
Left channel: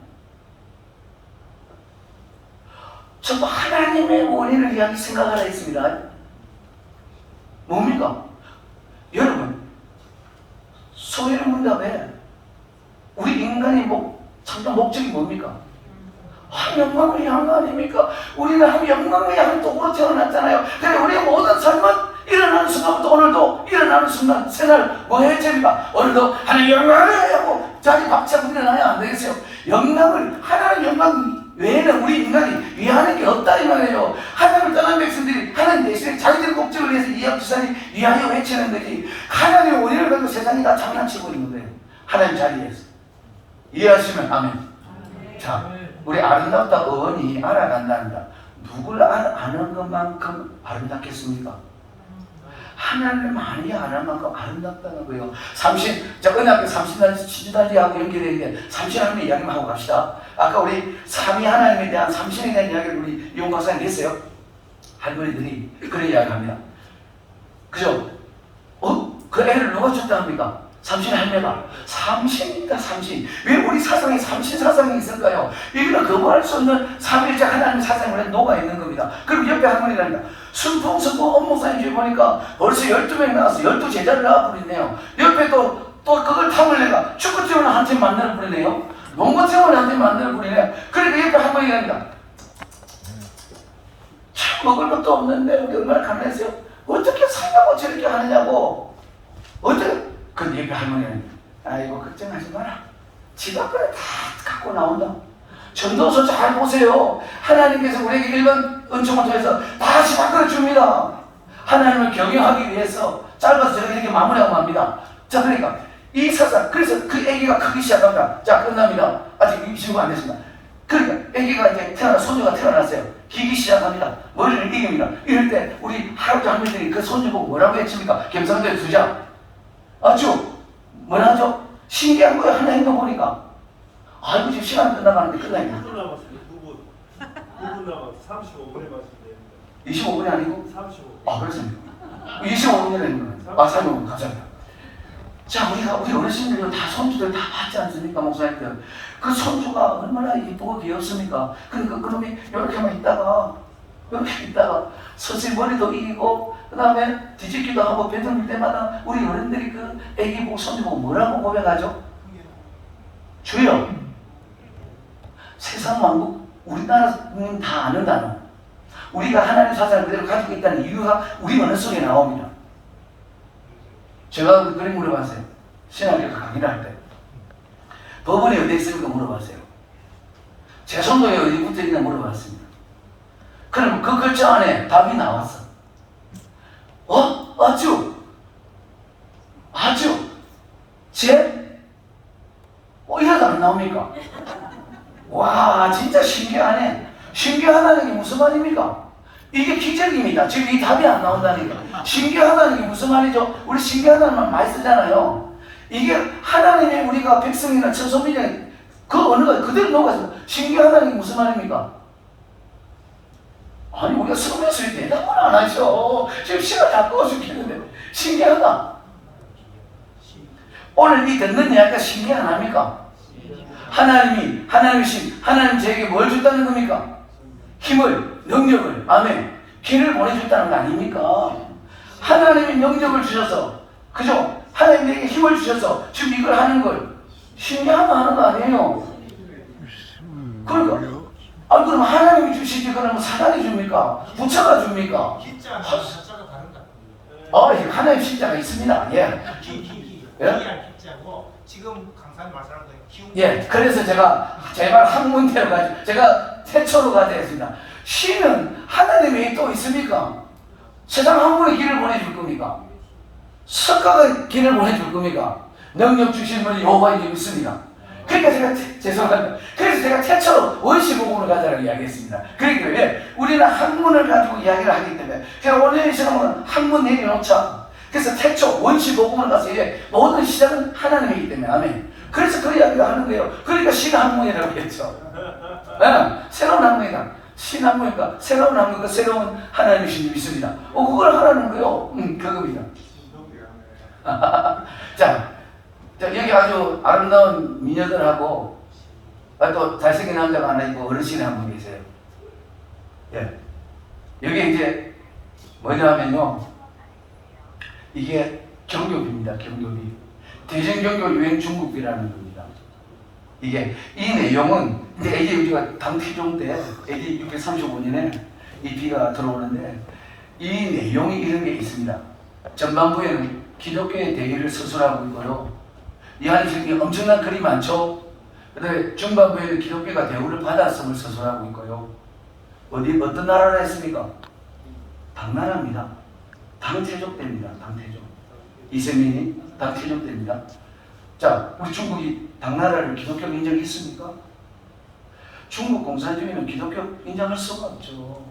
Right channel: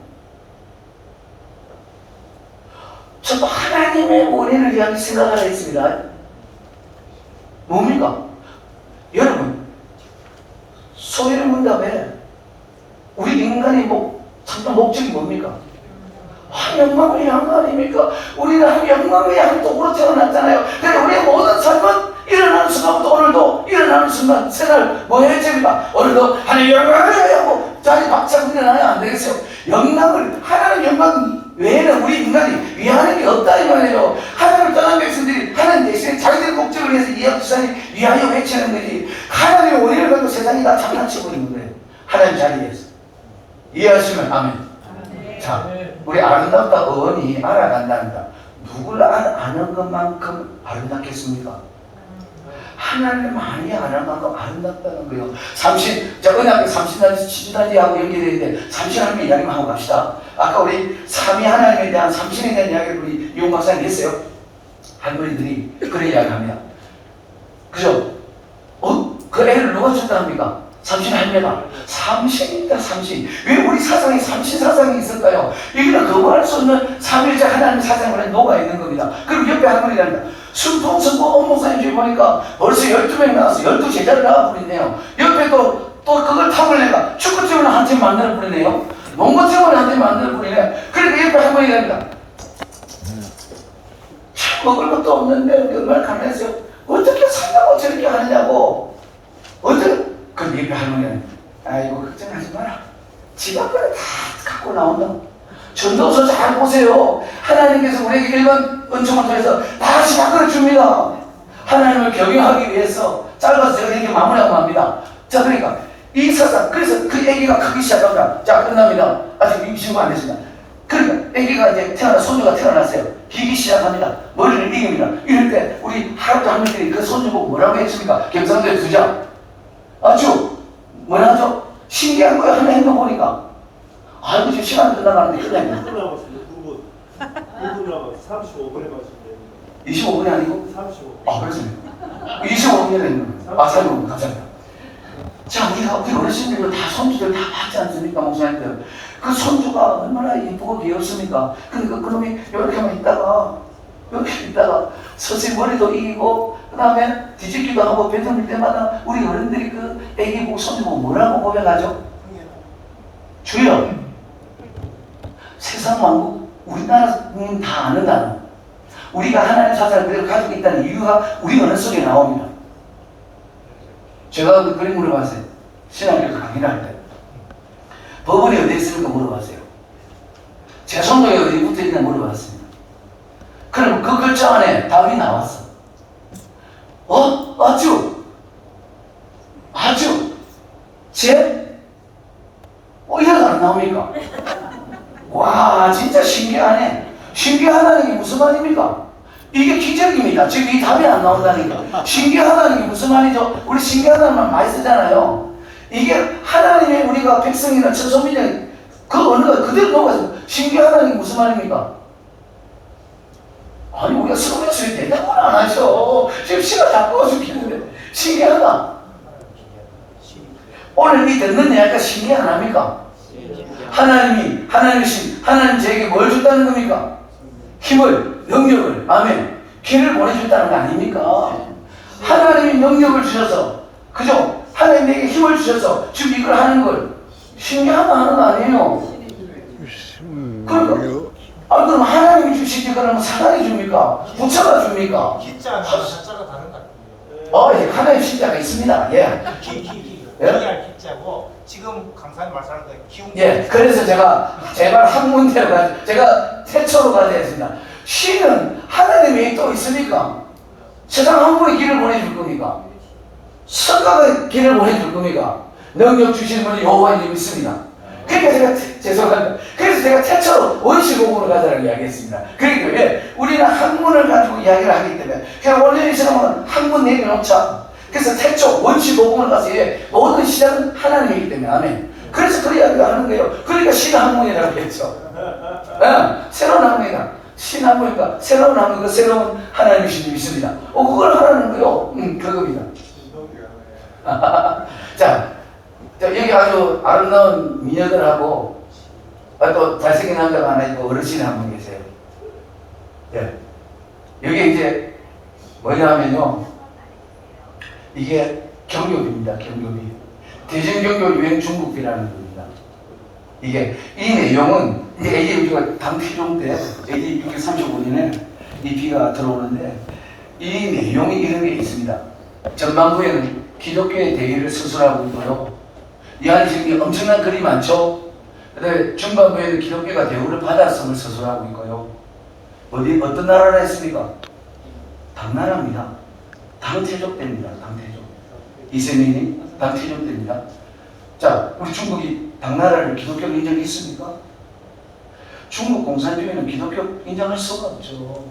전부 하나님의 원인을 위하여 생각하라 했습니다. 뭡니까? 여러분, 소위를 문답에 우리 인간의 참된 목적이 뭡니까? 영광을 위한 거 아닙니까? 우리는 영광을 위한 도구로 태어났잖아요. 근데 우리의 모든 삶은 일어나는 순간부터 오늘도 일어나는 순간 생활 뭐 해야 됩니까? 오늘도 하나님 영광을 위하고 자기 박차고 일어나야 안 되겠어요. 하나님 영광 외에는 우리 인간이 위하는 게 없다 이 말이에요. 하나님을 떠난 백성들이 하나님 대신에 자기들의 목적을 위해서 이해하시자니 위하여 외치는 거지. 하나님의 원인을 가지고 세상이 다 장난쳐버리는 거예요. 하나님 자리에서. 이해하시면 아멘. 자, 우리 아름답다 어원이 알아간답니다. 누굴 아는 것만큼 아름답겠습니까? 하나님을 많이 알아가고 아름답다는 거예요. 삼신, 자, 은하계 삼신단지, 치주단지하고 연결되는데 삼신 하나님의 이야기만 하고 갑시다. 아까 우리 삼위 하나님에 대한 삼신에 대한 이야기를 우리 이용 박사님 했어요. 할머니들이 그런 이야기를 합니다. 그죠? 그 애를 누가 준다 합니까? 삼신 할매가. 삼신이다, 삼신. 왜 우리 사상에 삼신 사상이 있을까요? 이거는 거부할 수 없는 삼일째 하나님의 사상에 녹아있는 겁니다. 그럼 옆에 할머니랍니다. 순풍선고 업목사님 중에 보니까 벌써 12명 나와서 12제자를 나와 부리네요. 옆에 또 그걸 탑을 내가 축구팀을 한 팀 만들어 부리네요. 농구팀을 한 팀 만들어 부리네요. 그러니까 옆에 할머니랍니다. 참 먹을 것도 없는데 얼마나 가난했어요. 어떻게 산다고 저렇게 하느냐고. 어떻게? 그럼 옆에 할머니는 아이고 걱정하지 마라. 지가 그래 다 갖고 나온다. 전도서 잘 보세요. 하나님께서 우리에게 일반 은총을 통해서 다 지각을 줍니다. 하나님을 경영하기 위해서 짧아서 제가 이렇게 마무리하고 맙니다. 자, 그러니까 이 사상, 그래서 그 아기가 크기 시작합니다. 자, 끝납니다. 아직 임신도 안 했습니다. 그러니까 아기가 이제 소녀가 태어났어요. 기기 시작합니다. 머리를 이깁니다. 이럴 때 우리 할아버지 할머니들이 그 소녀 보고 뭐라고 했습니까? 경상도에 두자. 아주 뭐라 하죠? 신기한 거예요. 하나 행동 보니까. 아이고 지금 시간 끝나가는데 끝나겠네. 9분 남았습니다. 9분 남았어요. 35분에 마시면 25분이 아니고? 35분. 아, 그렇습니까? 25분이 됐는 거예요. 아, 35분. 감사합니다. 자, 우리 어르신들도 다 손주들 다 봤지 않습니까? 목사님들. 그 손주가 얼마나 예쁘고 귀엽습니까? 그놈이 이렇게만 있다가, 이렇게 있다가, 서서히 머리도 이기고, 그 다음에 뒤집기도 하고, 뱉어물 때마다 우리 어른들이 그 애기 보고 손주 보고 뭐라고 고백하죠? 주여! 세상 만국, 우리나라는 다 아는 단어. 우리가 하나님의 사상을 그대로 가지고 있다는 이유가 우리 언어 속에 나옵니다. 제가 그 그림 물어봤어요. 신학교에서 강의를 할 때. 법원이 어디에 있습니까? 물어봤어요. 재선도에 어디 붙어있냐 물어봤습니다. 그럼 그 글자 안에 답이 나왔어. 아주, 이래도 안 나옵니까? 와, 진짜 신기하네. 신기하다는 게 무슨 말입니까? 이게 기적입니다. 지금 이 답이 안 나온다니까. 신기하다는 게 무슨 말이죠? 우리 신기하다는 말 많이 쓰잖아요. 이게 하나님의 우리가 백성이나 천소민의 그 언어가 그대로 녹아서 신기하다는 게 무슨 말입니까? 아니 우리가 서울에서 대답을 안 하죠. 지금 시간 바꿔 죽겠는데 신기하다. 오늘 이 듣는 이야기가 신기 안 합니까? 하나님 저에게 뭘 줬다는 겁니까? 힘을, 능력을, 아멘. 길을 보내줬다는 거 아닙니까? 하나님이 능력을 주셔서, 그죠? 하나님이 내게 힘을 주셔서 지금 이걸 하는 걸 신기하다 하는 거 아니에요? 그러니까, 그럼 하나님이 주시지 그러면 사람이 줍니까? 부처가 줍니까? 기자는 한자가 다른 것 같아요. 예, 하나님 신자가 있습니다. 예. 기할 기자고 지금 강사님 말씀하는 거 기운. 예, 그래서 제발 한 문제로 가지고 제가 최초로 가져야겠습니다. 신은 하나님 외에 또 있습니까? 세상 한 분이 길을 보내줄 겁니까? 성가가 길을 보내줄 겁니까? 능력 주신 분이 여호와인 줄 믿습니다. 그러니까 제가 죄송합니다. 그래서 제가 최초로 원시복음으로 가자라고 이야기했습니다. 그러니까 왜? 우리는 학문을 가지고 이야기를 하기 때문에 그냥 오늘 이 시간은 학문 내려놓자. 그래서 태초 원시복음을 가서 모든 시작은 하나님이기 때문에 아멘. 그래서 그 이야기를 하는 거예요. 그러니까 신학문이라고 했죠. 새로운 학문이다. 신학문이니까 새로운 학문, 그 새로운 하나님이신 줄 믿습니다. 그걸 하라는 거요. 그겁니다. 자, 여기 아주 아름다운 미녀들하고 또 잘생긴 남자가 하나 있고 어르신이 한 분 계세요. 예. 여기 이제 뭐냐면요. 이게 경교비입니다. 경교비. 대전경교 유행 중국비라는 겁니다. 이게 이 내용은 AD 우리가 당태종 때 AD 635년에 이 비가 들어오는데 이 내용이 이런 게 있습니다. 전반부에는 기독교의 대의를 서술하고 있고요. 이 안에 지금 엄청난 글이 많죠. 그다음에 중반부에는 기독교가 대우를 받았음을 서술하고 있고요. 어떤 나라를 했습니까? 당나라입니다. 당태족 때입니다. 당태족. 이세민이 당태족 때입니다. 자, 우리 중국이 당나라를 기독교로 인정이 있습니까? 중국 공산주의는 기독교 인정할 수가 없죠.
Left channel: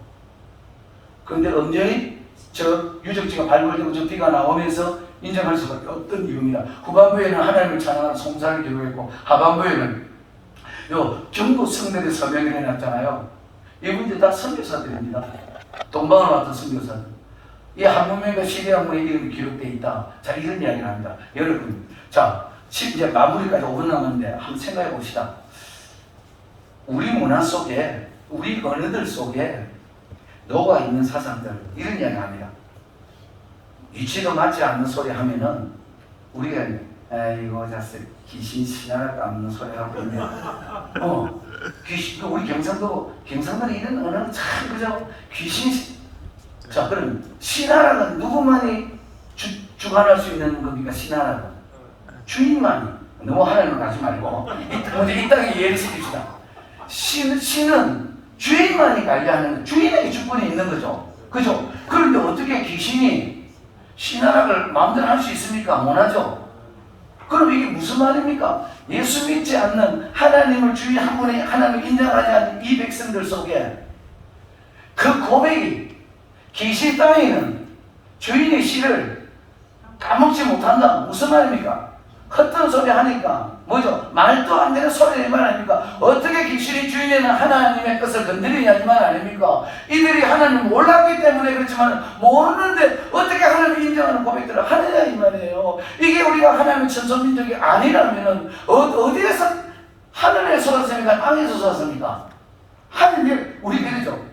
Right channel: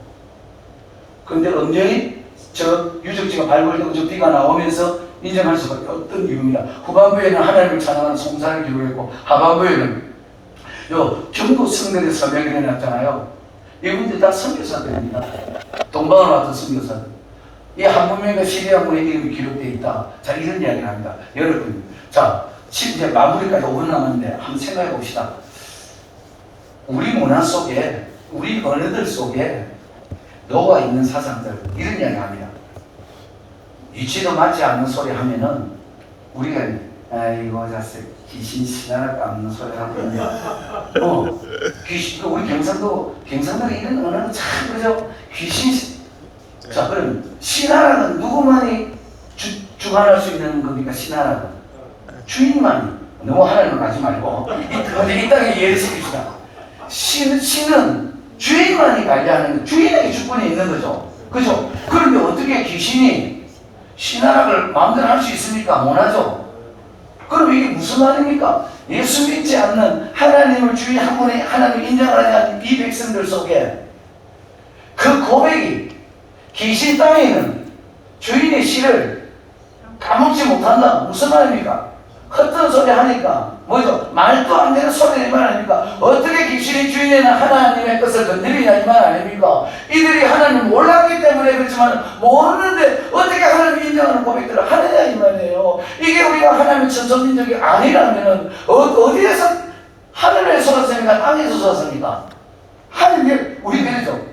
그런데 엄연히 저 유적지가 발굴되고 저 비가 나오면서 인정할 수밖에 없던 이유입니다. 후반부에는 하나님을 찬양하는 송사를 기록했고 하반부에는 요 경도 성들의 서명이 내놨잖아요. 이분들 다 선교사들입니다. 동방으로 왔던 선교사들. 이 한문명과 시리아문의 이름이 기록되어 있다. 자, 이런 이야기를 합니다. 여러분, 자, 지금 이제 마무리까지 5분 남았는데 한번 생각해 봅시다. 우리 문화 속에, 우리 언어들 속에 녹아 있는 사상들, 이런 이야기 합니다. 위치도 맞지 않는 소리 하면은 우리가 이거 자세 귀신 신하라 깎는 소리 하고 있는데 귀신 우리 경상도에 이런 언어는 참 그죠. 귀신 자 그럼 신하라는 누구만이 주관할 수 있는 겁니까? 신하라는 주인만이 너무 하나님 가지 말고 이 땅에 예를 쓰깁시다. 신은 주인만이 관리하는 거 주인에게 주권이 있는 거죠. 그죠? 그런데 어떻게 귀신이 신하락을 마음대로 할 수 있습니까? 못하죠. 그럼 이게 무슨 말입니까? 예수 믿지 않는 하나님을 주의 한 분에 하나님을 인정하지 않는 이 백성들 속에 그 고백이 귀신 땅에는 주인의 씨를 까먹지 못한다. 무슨 말입니까? 헛된 소리 하니까 뭐죠? 말도 안 되는 소리 이 말 아닙니까? 어떻게 귀신의 주인에는 하나님의 것을 건드리냐 이 말 아닙니까? 이들이 하나님을 몰랐기 때문에 그렇지만 모르는데 어떻게 하나님을 인정하는 고백들을 하느냐 이 말이에요. 이게 우리가 하나님의 천성민족이 아니라면 어디에서 하늘에 솟았습니까? 땅에서 솟았습니까? 하늘이 우리 그러죠.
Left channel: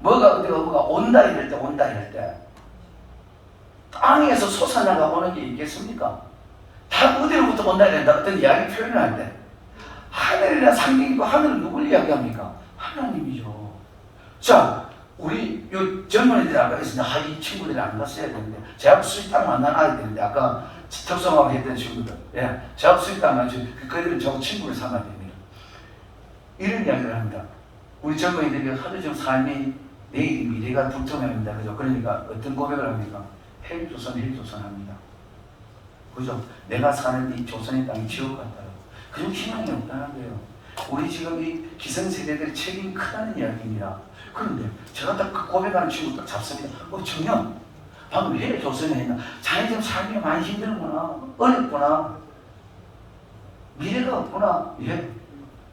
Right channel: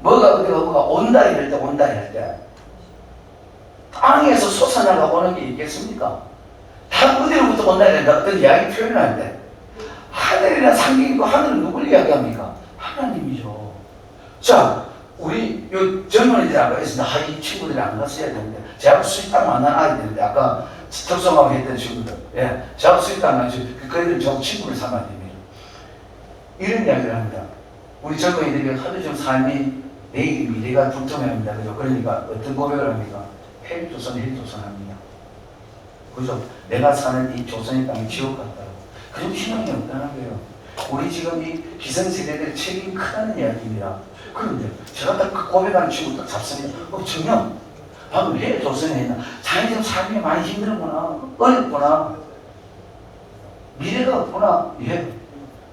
뭐가 온다 이럴 때 온다 이럴 때 땅에서 솟아나가 오는 게 있겠습니까? 다 어디로부터 온다 이런다 어떤 이야기 표현을 할 때 하늘이나 상경이고 하늘은 누굴 이야기합니까? 하나님이죠. 자 우리 요 젊은 애들 아까 했습니다. 이 친구들이 안 갔어야 되는데 제가 수익당 만난 아이들인데 아까 적성하고 했던 친구들 제가 수익당 만나서 그 애들은 저 친구를 삼아야 됩니다. 이런 이야기를 합니다. 우리 젊은이들이 하도 좀 삶이 내일 미래가 불투명합니다. 그죠? 그러니까 어떤 고백을 합니까? 헬조선 합니다. 그죠? 내가 사는 이 조선의 땅이 지옥 같다요. 그런 희망이 없다는 거예요. 우리 지금 이 기성세대들의 책임이 크다는 이야기입니다. 그런데 제가 딱 그 고백하는 친구 딱 잡습니다. 정녕 방금 헬조선에 했나? 자기 지금 삶이 많이 힘들구나. 어렵구나. 미래가 없구나.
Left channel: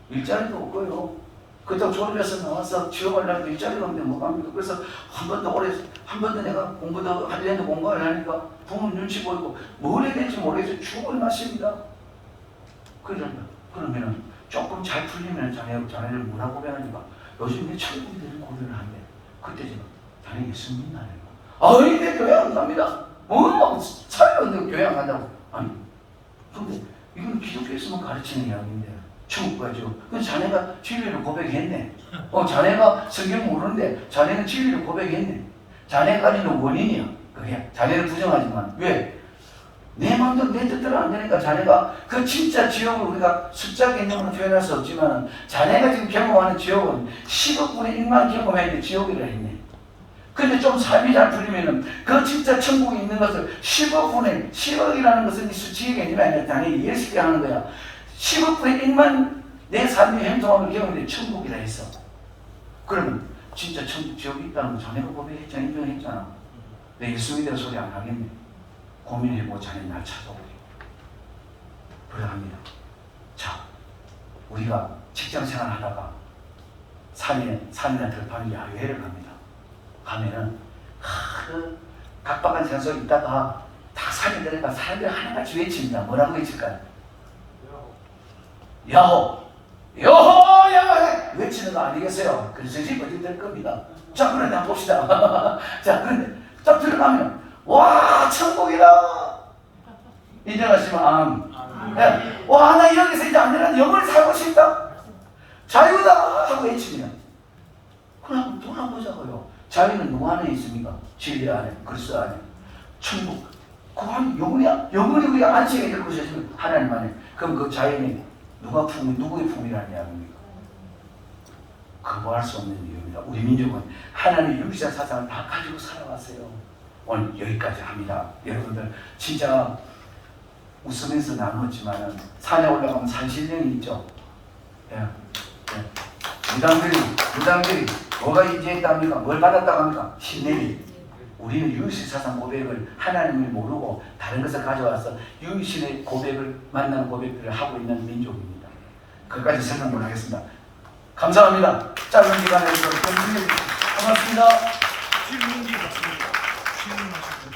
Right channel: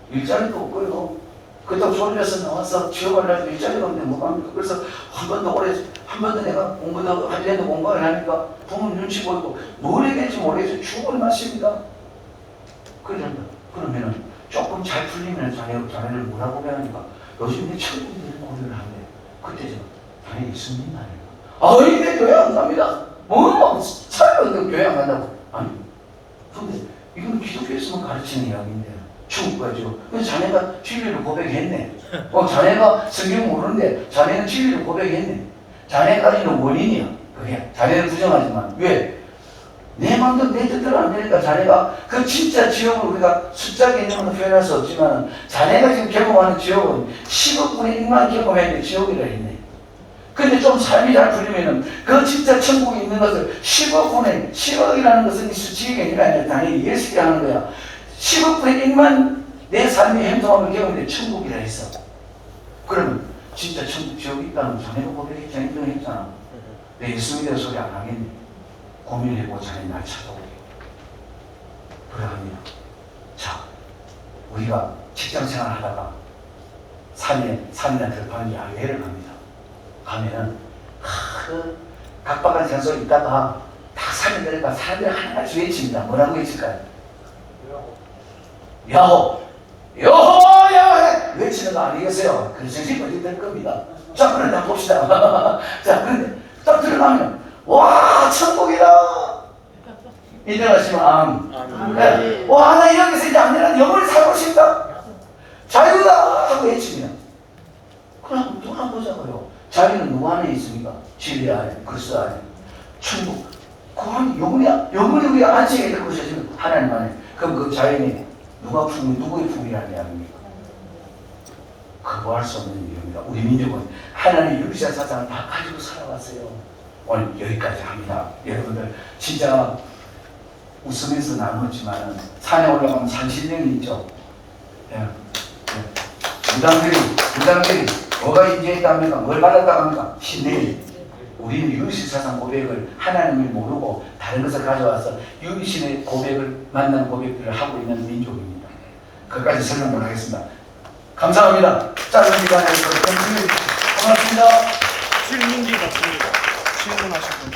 일자리도 없고요. 그때 졸업해서 나와서 취업을 하려고 일자리가 없는데 뭐 합니까? 그래서 한 번도 내가 공부도 하려는 공부를 하니까 부모님 눈치 보이고 뭘 해야 될지 모르겠어요. 죽을 맛입니다. 그러면은 조금 잘 풀리면 자네를 뭐라고 배우니까 요즘 내 친구들이 고백을 하는데 그때 제가 자네 예수님 아니에요. 내 교회 안 갑니다. 살아도 교회 안 간다고. 아니 근데 이건 기독교에서만 가르치는 이야기인데 죽어가지고. 그래서 자네가 진리를 고백했네. 자네가 성경 모르는데 자네는 진리를 고백했네. 자네가 있는 원인이야. 그게 자네를 부정하지만 왜? 내 마음대로 내 뜻대로 안 되니까 자네가 그 진짜 지옥을 우리가 숫자 개념으로 표현할 수 없지만 자네가 지금 경험하는 지옥은 10억 분의 1만 경험했는데 지옥이라 했네. 근데 좀 삶이 잘 풀리면은 그 진짜 천국이 있는 것을 10억이라는 것은 이 수치의 개념이 아니라 당연히 이해시게 하는 거야. 10억 분의 1만 내 삶의 행동을 경험해 천국이라 했어. 그러면 진짜 천국 지옥이 있다는 자네가 고백했잖아. 인정했잖아. 내 예수 믿는 소리 안 하겠네. 고민해보고 자네 날 찾아오게. 그러합니다. 자, 우리가 직장생활 하다가 산이나 들판이 야외를 갑니다. 가면은 각박한 장소에 있다가 다 산에 내려가 사람들이 하나같이 외칩니다. 뭐라고 외칠까요? 야호! 야호! 외치는 거 아니겠어요? 그래서 어디 될 겁니다. 자, 그런데 한번 봅시다. 자, 그런데 딱 들어가면 와, 천국이다! 인정하시면 네. 와, 나 여기서 이제 안 되는 영원히 살고 싶다! 자유다! 하고 외치면 그럼 또 한번 보자고요. 자유는 누구 안에 있습니까? 진리 안에, 그리스도 안에. 천국. 그 안에 영원히 우리 안식에 될 것이지만 하나님 안에. 그럼 그 자유는 누구의 품이라는 이야기입니까? 그거 할 수 없는 이유입니다. 우리 민족은 하나님의 유리사 사상을 다 가지고 살아왔어요. 오늘 여기까지 합니다. 여러분들 진짜 웃으면서 나눴지만 산에 올라가면 산신령이 있죠. 무당들이 뭐가 인지했다 합니까? 뭘 받았다 합니까? 신뢰. 우리는 유일신사상 고백을 하나님을 모르고 다른 것을 가져와서 유일신의 고백을 만나는 고백들을 하고 있는 민족입니다. 그까지 설명 못하겠습니다. 감사합니다. 짧은 시간에서 고맙습니다. 질문지 같습니다. 질문하실 분.